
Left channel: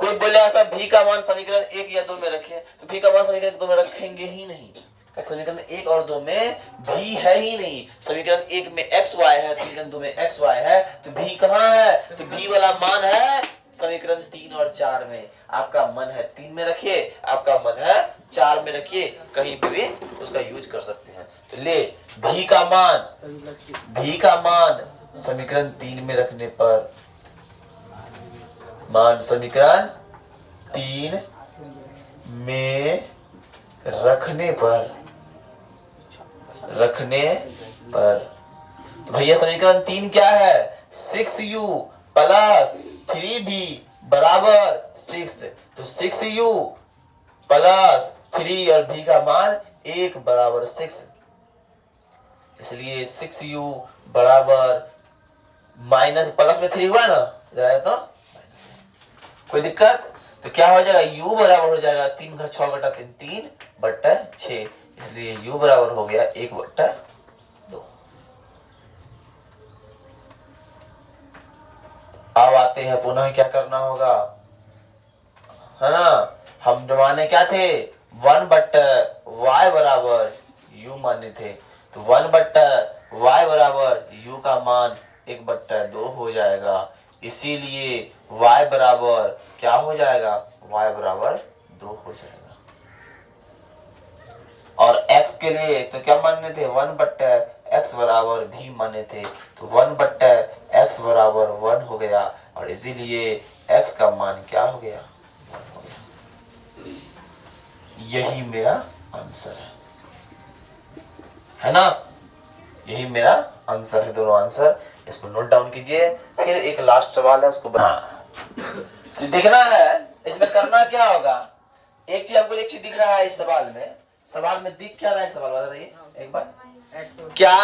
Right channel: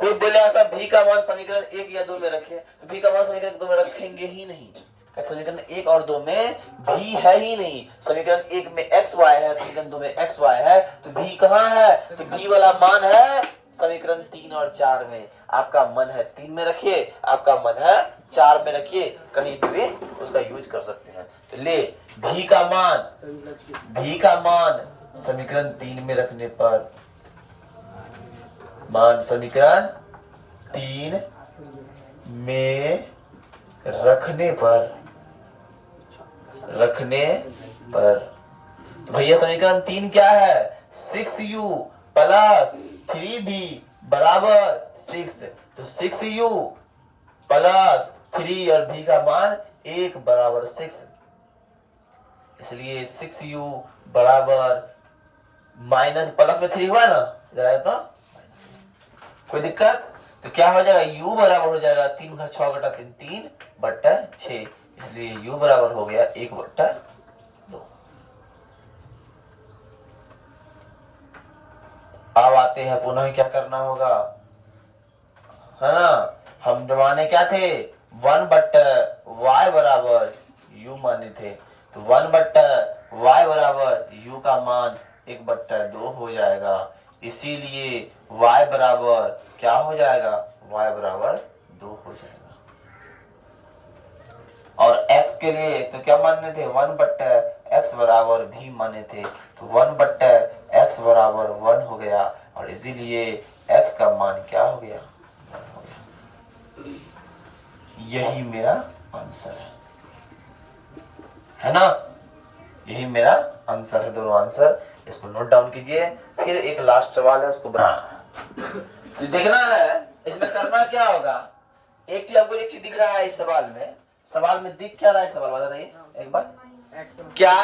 कोई बोले ऐसा भी का मान समीकरण 1 या 2 में रखें, तो भी का मान समीकरण 2 में रखेंगे ही नहीं। समीकरण 1 और 2 में भी है ही नहीं। समीकरण 1 में एक्स वाई है, समीकरण 2 में एक्स वाई है, तो भी कहां है, तो भी वाला मान है समीकरण 3 और 4 में। आपका मन है 3 में रखिए, आपका मन है 4 में रखिए, कहीं पे भी उसका यूज कर सकते हैं। तो ले भी का मान समीकरण 3 में रखने पर, मान समीकरण 3 में रखने पर तो भैया समीकरण 3 क्या है, 6u प्लस 3b बराबर 6। तो 6u प्लस 3 और b का मान 1 बराबर 6, इसलिए 6u बराबर माइनस प्लस में 3 हुआ ना, तो कोई दिक्कत। तो क्या हो जाएगा, u बराबर हो जाएगा 3 का 6 घटा 3 3 बट्टा 6, इसलिए u बराबर हो गया 1 बट्टा 2। अब आते हैं पुनः क्या करना होगा, है ना। हम माने क्या थे, 1 बट्टा y बराबर u माने थे, तो 1 बट्टा y बराबर u का मान 1 बट्टा 2 हो जाएगा। इसीलिए y बराबर क्या हो जाएगा, y बराबर 2 हो जाएगा। और x के लिए तो क्या माने थे, 1 बट्टा x बराबर भी माने थे, तो 1 बट्टा x बराबर 1 हो गया, और इसीलिए x का मान क्या हो गया, 1 हो गया। यही मेरा आंसर है ना, यही मेरा आंसर है, दोनों आंसर। इसको नोट डाउन कीजिए। फिर एक लास्ट सवाल है, उसको तो देखना है। इसमें करना क्या होगा, एक चीज आपको, एक चीज दिख रहा है इस सवाल में दिख क्या रहा है, सवाल बता रही एक बार, क्या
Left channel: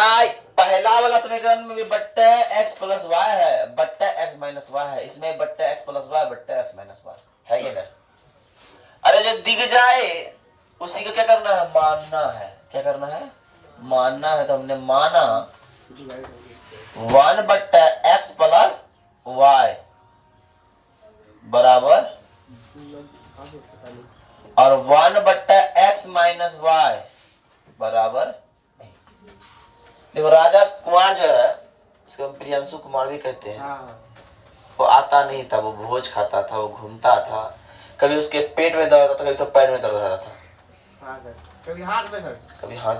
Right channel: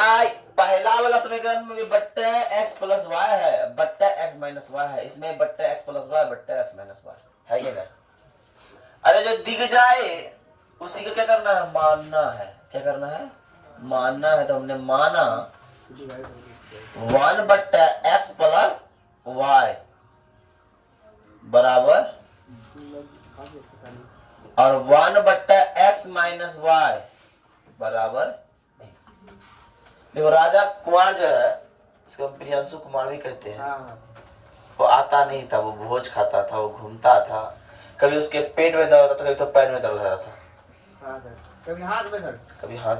पहला वाला समीकरण में बट्टा एक्स प्लस वाई है, बट्टा एक्स माइनस वाई है, इसमें बट्टा एक्स प्लस वाई बट्टा एक्स माइनस वाई है ये ना। अरे जो दिख जाए उसी को क्या करना है, मानना है। क्या करना है, मानना है। तो हमने माना 1 बट्टा एक्स प्लस वाई बराबर, और 1 बट्टा एक्स माइनस वाई बराबर। देखो राजा कुमार जो है, उसको हम प्रियांशु कुमार भी कहते हैं, वो आता नहीं था, वो भोज खाता था, वो घूमता था, कभी उसके पेट में दर्द होता था, कभी सब पैर में दर्द होता था, कभी हाथ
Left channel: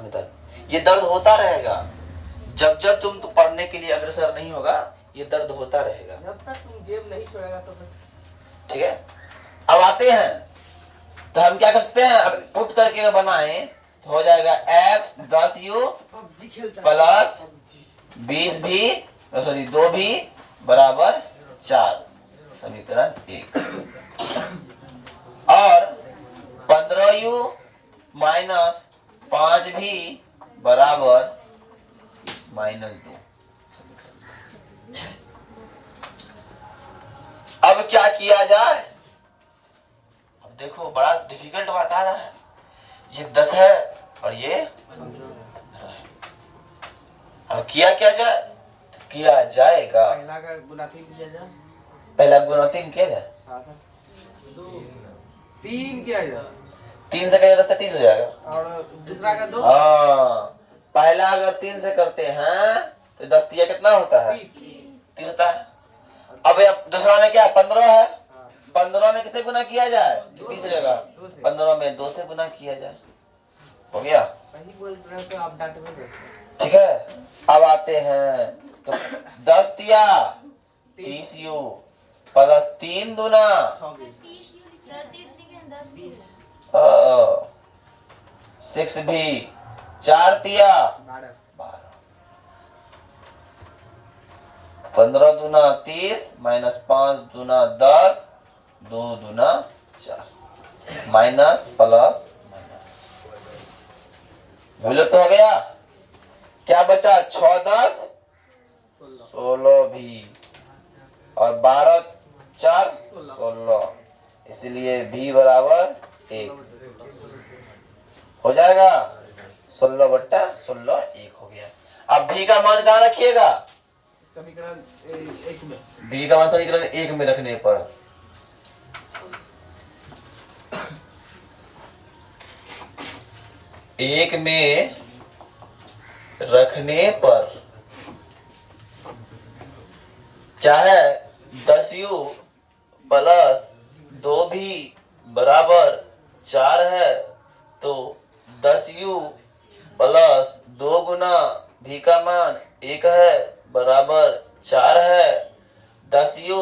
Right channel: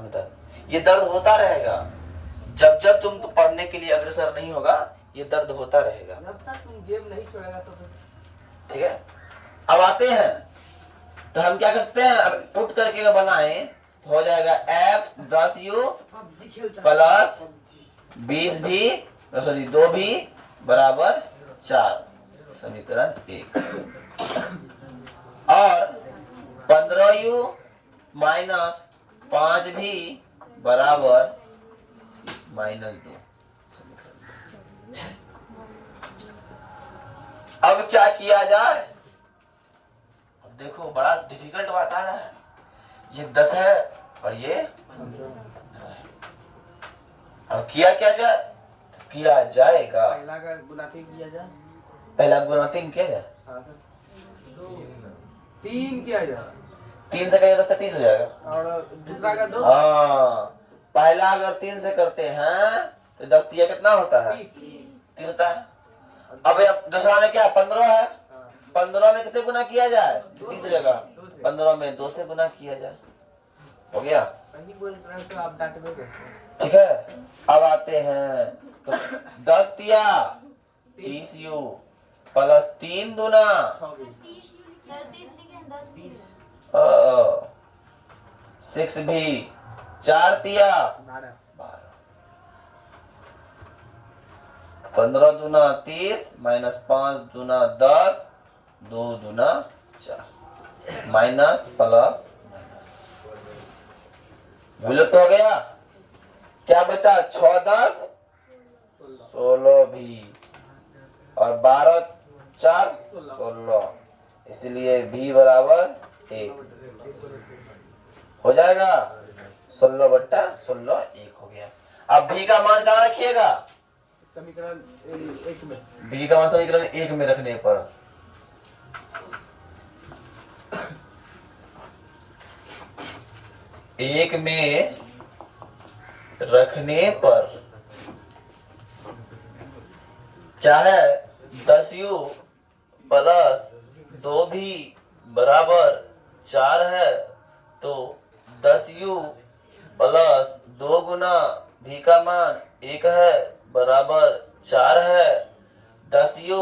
में दर्द। ये दर्द होता रहेगा जब जब तुम तो पढ़ने के लिए अग्रसर नहीं होगा, ये दर्द होता रहेगा जब तक तुम गेम नहीं छोड़ेगा। तो ठीक है, अब आते हैं, तो हम क्या कर सकते हैं, अब पुट करके बनाए तो हो जाएगा x 10u प्लस 20 भी, सॉरी 2 भी बराबर 4, समीकरण 1। और 15u माइनस 5 भी बराबर -2। अब क्या किया जाए, अब देखो बड़ा डिफिकल्ट बात आ रहा है। ये 10 है और ये 15 है। अब किया क्या जाए, तो किया जाएगा, पहला गुणातिंग किया जाए, 3 किया जाए, 3 से कहीं 10 का 30 हो जाएगा, और दूसरा का 2। हाँ, पहला अगर 3 से करते हैं तो 10 तिया कितना होता है, 30 होता है। अब दूसरा में क्या 15 है, 15 में किसे गुना किया जाए, 30 हो जाएगा, 15 में 2 से गुना किया जाए, हो गया। कहीं बोल रहे तो आप डांट में ठीक है, अब आते हैं, तो 10 तिया 30u प्लस 3 दूना 6 भी, 4 तिया 12, 15 दूना 30 माइनस 5 दूना 10, 2 दूना 4, माइनस प्लस माइनस, विलुप्त हो गया। क्या बचा, 6 10 16 भी, और 12 4 16, इसलिए v बराबर 1 हो जाएगा। 16/16 1 हो गया। अब v का मान कहाँ रखिएगा? समीकरण एक में। v का मान समीकरण 1 में रखने पर एक में रखने पर क्या है? 10u प्लस 2v बराबर 4 है, तो 10u प्लस 2 गुना v का मान 1 है बराबर 4 है। 10u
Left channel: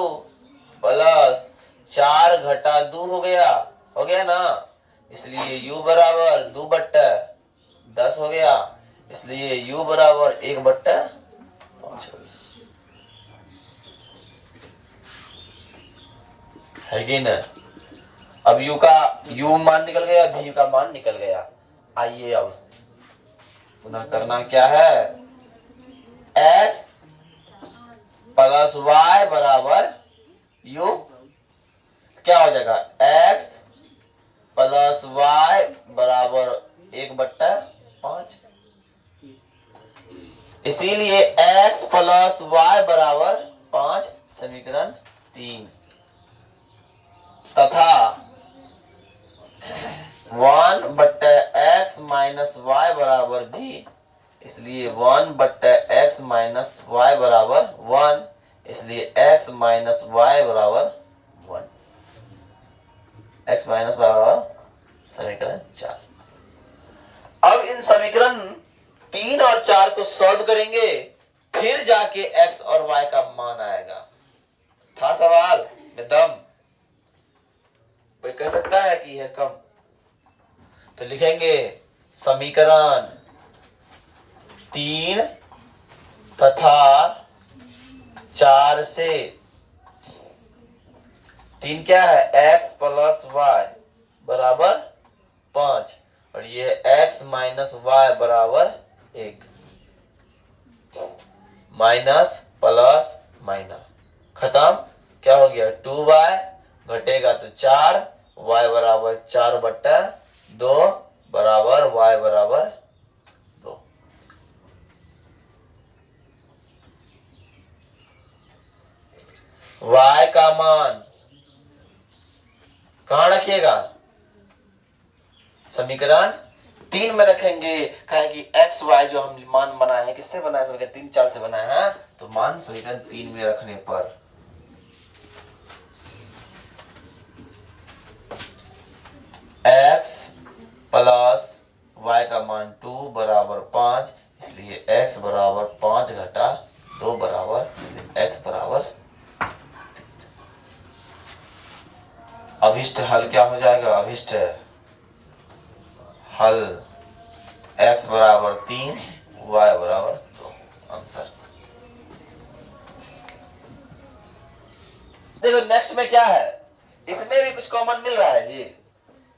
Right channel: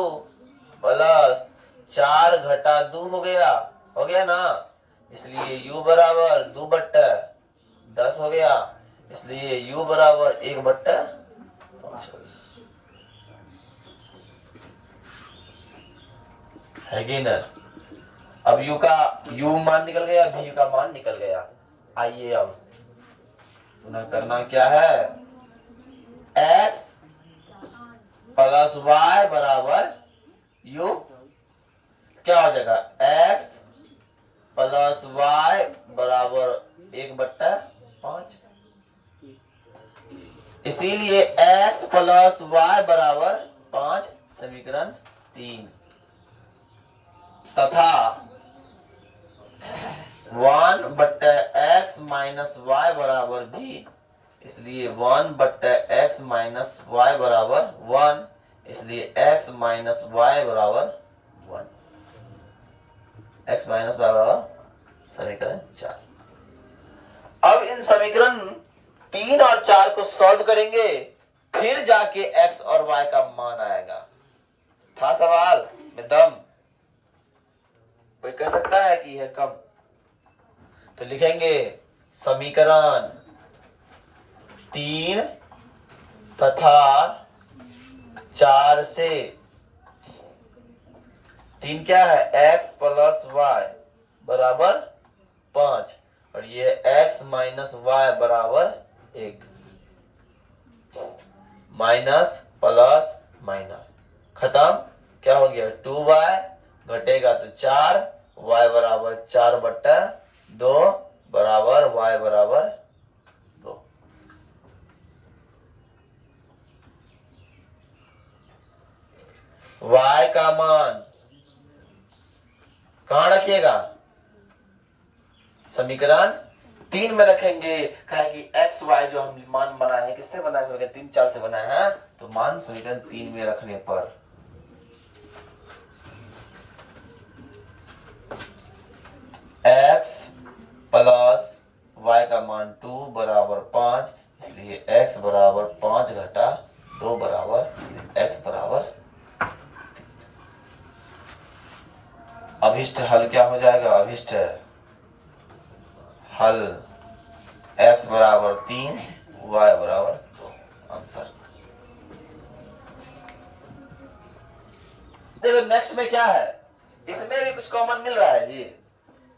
प्लस 4 घटा 2 हो गया ना, इसलिए u बराबर 2/10 हो गया, इसलिए u बराबर 1/5 है कि ना। अब u मान निकल गया, v का मान निकल गया। आइए अब पुनः करना क्या है? x प्लस y बराबर u क्या हो जाएगा? x प्लस y बराबर 1/5। इसीलिए x प्लस y बराबर 5 समीकरण 3 तथा 1/x माइनस y बराबर b, इसलिए 1/x माइनस y बराबर 1, इसलिए x माइनस y बराबर 1। x माइनस y बराबर समीकरण 4। अब इन समीकरण 3 और 4 को सॉल्व करेंगे, फिर जाके x और y का मान आएगा। था सवाल में दम? कोई कह सकता है कि यह कम? तो लिखेंगे समीकरण 3 तथा 4 से 3 क्या है? x प्लस y बराबर 5 और ये x माइनस y बराबर 1। माइनस प्लस माइनस खत्म। क्या हो गया? 2y घटेगा तो 4, y बराबर 4/2 बराबर y बराबर 2। y का मान कहां रखिएगा? समीकरण 3 में रखेंगे। कहा कि x y जो हम मान बनाए हैं किससे बनाए? समीकरण 3 4 से बनाए हैं, तो मान समीकरण 3 में रखने पर x प्लस y का मान 2 बराबर 5, इसलिए x बराबर 5 घटा 2 बराबर, x बराबर। अभिष्ट हल क्या हो जाएगा? अभिष्ट हल x बराबर 3 y बराबर 2। आंसर देखो नेक्स्ट में क्या है? इसमें भी कुछ कॉमन मिल रहा है जी।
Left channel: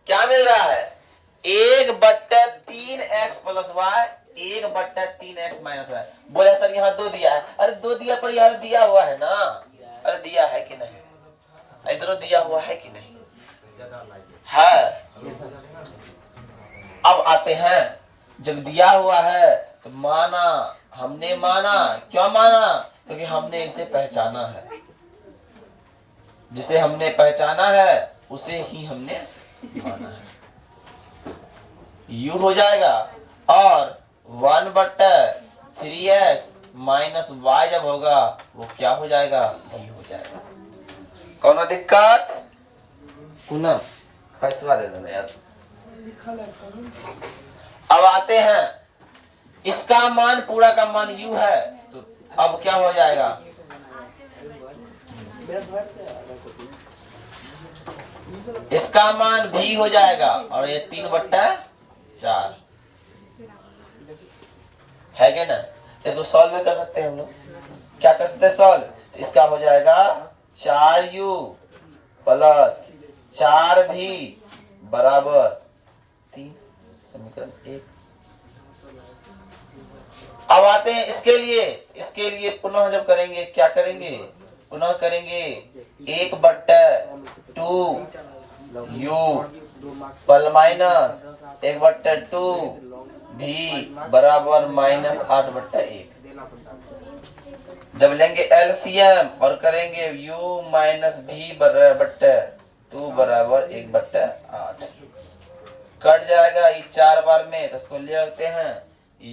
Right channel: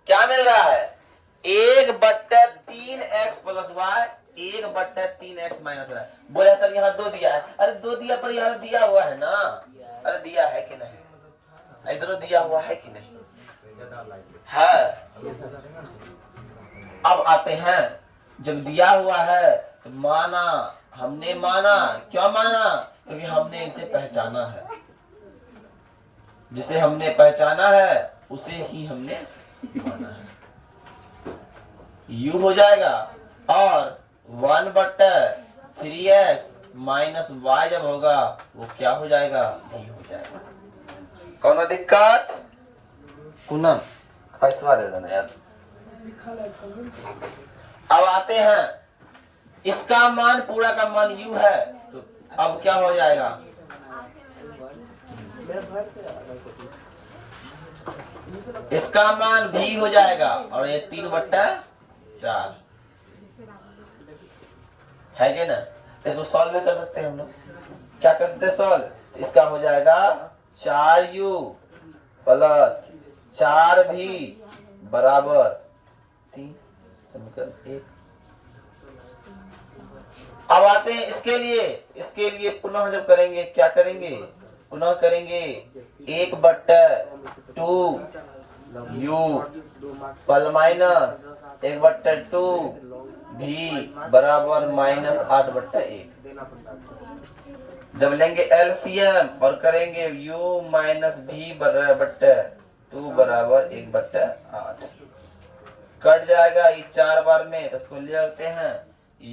क्या मिल रहा है? 1/3x plus y 1/3x minus y। बोले सर यहाँ 2 दिया है। अरे 2 दिया पर यहाँ दिया हुआ है ना। अरे दिया है कि नहीं? इधर दिया हुआ है कि नहीं? है। अब आते हैं, जब दिया हुआ है तो माना, हमने माना। क्यों माना? क्योंकि हमने इसे पहचाना है। जिसे हमने पहचाना है उसे ही हमने माना है। u हो जाएगा और 1/3x माइनस y जब होगा वो क्या हो जाएगा? v हो जाएगा। कौन दिक्कत? पूनम पैसा दे देना यार। अब आते हैं, इसका मान पूरा का मान u है, तो अब क्या हो जाएगा? इसका मान v हो जाएगा और ये 3/4 है क्या ना? इसको सॉल्व भी कर सकते हैं हम लोग। क्या कर सकते हैं सॉल्व? तो इसका हो जाएगा 4u प्लस 4v बराबर 3 समीकरण 1। अब आते हैं इसके लिए पुनः जब करेंगे क्या करेंगे? पुनः करेंगे 1/2 u पल माइनस 1/2 v बराबर -8/1। जब लेंगे एलसीएम और करेंगे u माइनस v बराबर 2 बराबर 1/8। कट जाएगा ये 4 बार में, तो इसको ले आते हैं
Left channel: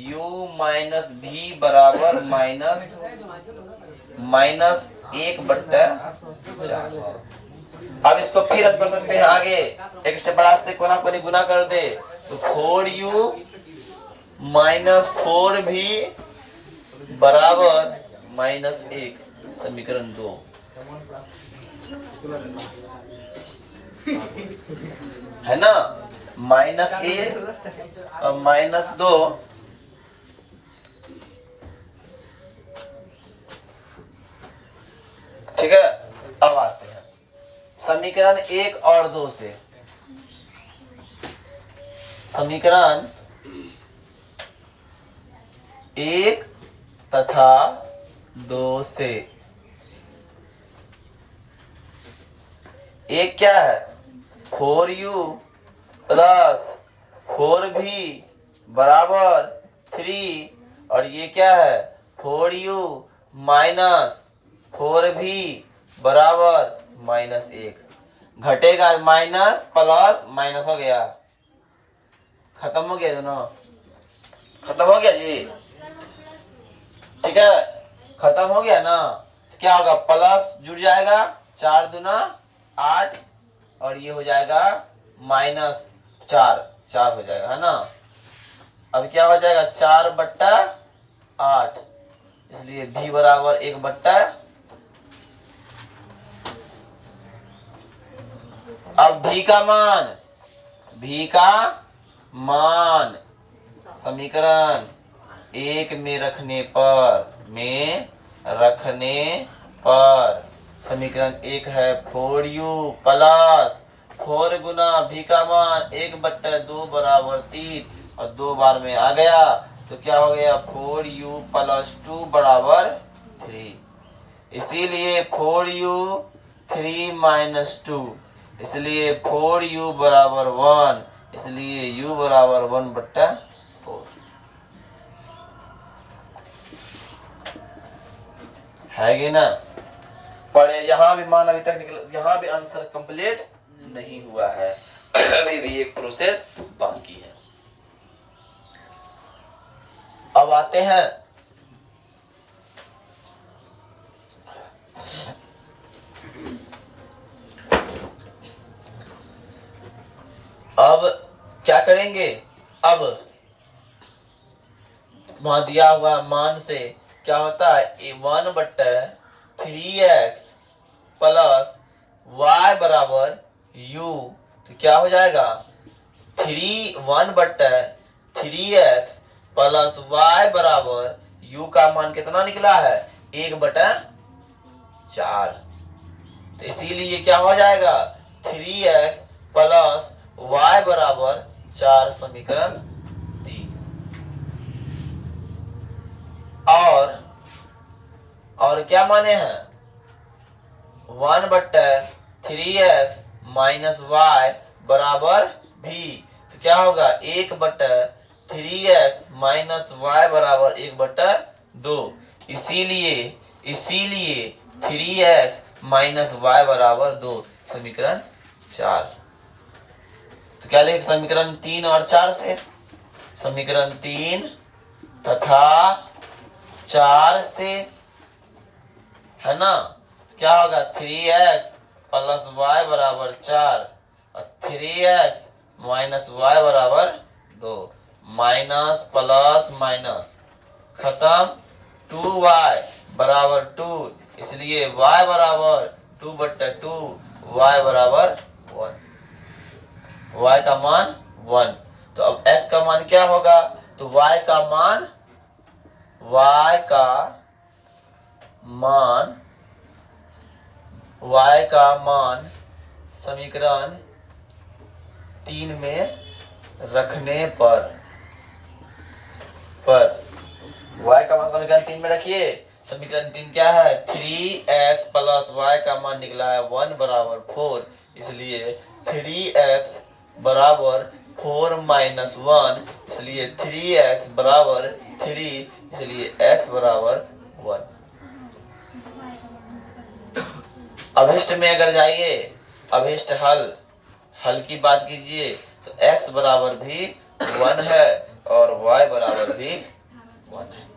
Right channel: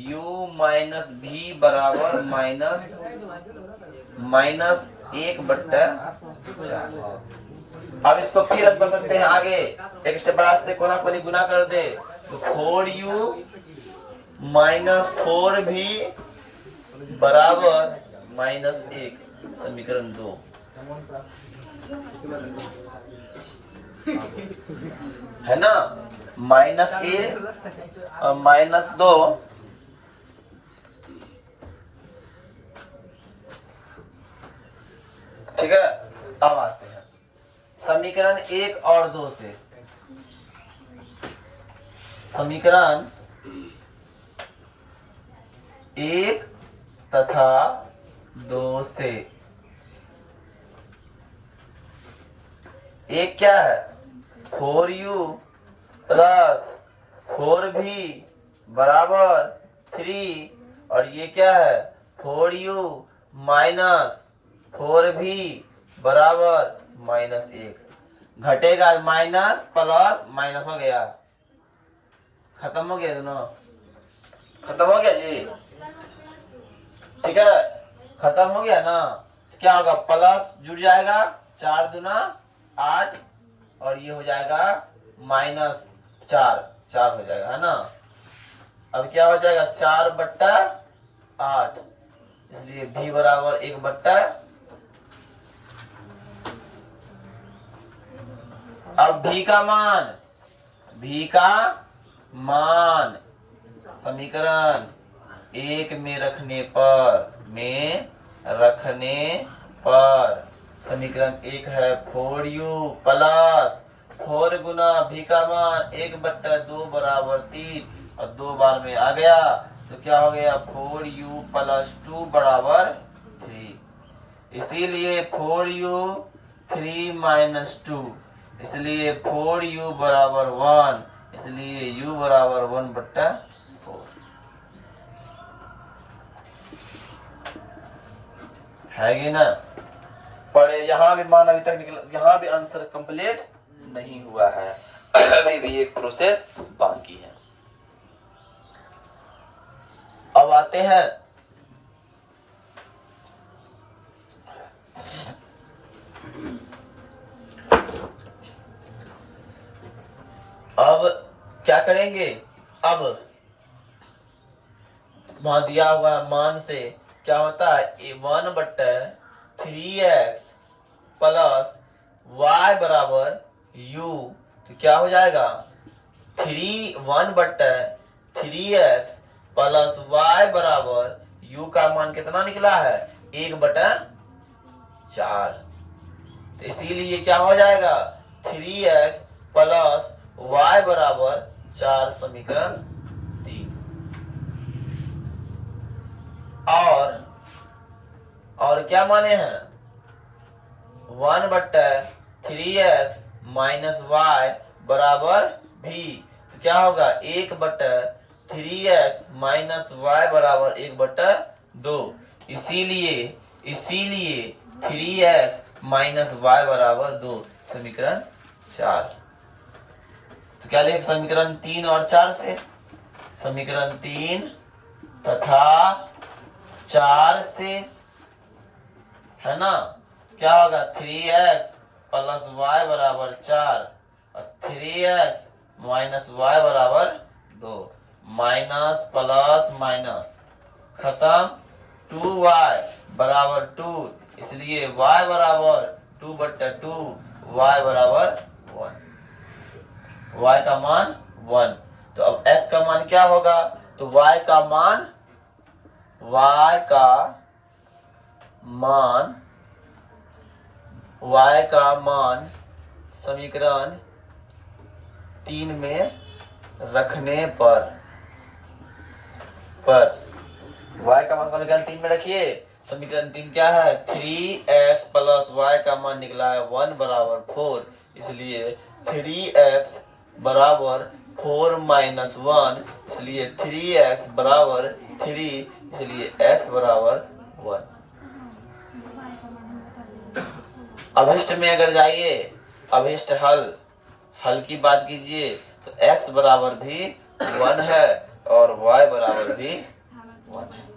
u माइनस v बराबर -1/4। अब इसको फिर हम कर सकते हैं आगे, एक स्टेप बढ़ाते कोना कोनी गुना कर दे, तो 4u माइनस 4v बराबर -1, समीकरण 2 है ना। -1 और -2 ठीक है। अब आते हैं समीकरण 1 और 2 से। समीकरण 1 तथा 2 से। एक क्या है 4u प्लस 4v बराबर 3, और ये क्या है 4u माइनस 4v बराबर -1। घटेगा माइनस प्लस माइनस हो गया, खत्म हो गया दोनों, खत्म हो गया जी, ठीक है, खत्म हो गया ना। क्या होगा प्लस जुड़ जाएगा 4 दूना 8, और ये हो जाएगा -4 हो जाएगा, है ना। अब क्या हो जाएगा 4/8, इसलिए v बराबर 1/। अब v का मान समीकरण 1 में रखने पर समीकरण 1 है 4u प्लस 4 गुना v का मान 1/2 बराबर 3, और 2 बार में आ गया, तो क्या हो गया 4u प्लस 2 बराबर 3। इसीलिए 4u 3 माइनस 2, इसलिए 4u बराबर 1, इसलिए u बराबर 1/4। है कि ना। पर यहाँ भी मान अभी तक निकल, यहाँ भी आंसर कंप्लीट नहीं हुआ है, अभी भी एक प्रोसेस बाकी है। अब आते हैं अब क्या करेंगे। अब वहां दिया हुआ मान से क्या होता है 1/3x प्लस y बराबर u, तो क्या हो जाएगा 1/3x प्लस y बराबर u का मान कितना निकला है 1/4। तो इसीलिए क्या हो जाएगा 3x प्लस y बराबर 4, समीकरण 3। और क्या माने हैं 1/3x माइनस y बराबर v, तो क्या होगा 1/3x माइनस y बराबर 1/2। इसीलिए 3x माइनस y बराबर 2, समीकरण 4। तो क्या लिखे समीकरण 3 और 4 से। समीकरण 3 तथा 4 से, है ना। क्या होगा 3x प्लस y बराबर 4, और 3x माइनस y बराबर 2, माइनस प्लस माइनस खत्म, 2y बराबर 2, इसलिए y बराबर 2/2, y बराबर 1, y का मान 1। तो अब x का मान क्या होगा, तो y का मान समीकरण 3 में रखने पर y का मान समीकरण 3 में रखिए। समीकरण 3 क्या है 3x प्लस y का मान निकला है 1 बराबर 4, इसलिए 3x बराबर 4 माइनस 1, इसलिए 3x बराबर 3, इसलिए x बराबर 1। अभिष्ट में अगर जाइए, अभिष्ट हल की बात कीजिए तो x बराबर भी 1 है और y बराबर भी 1 है।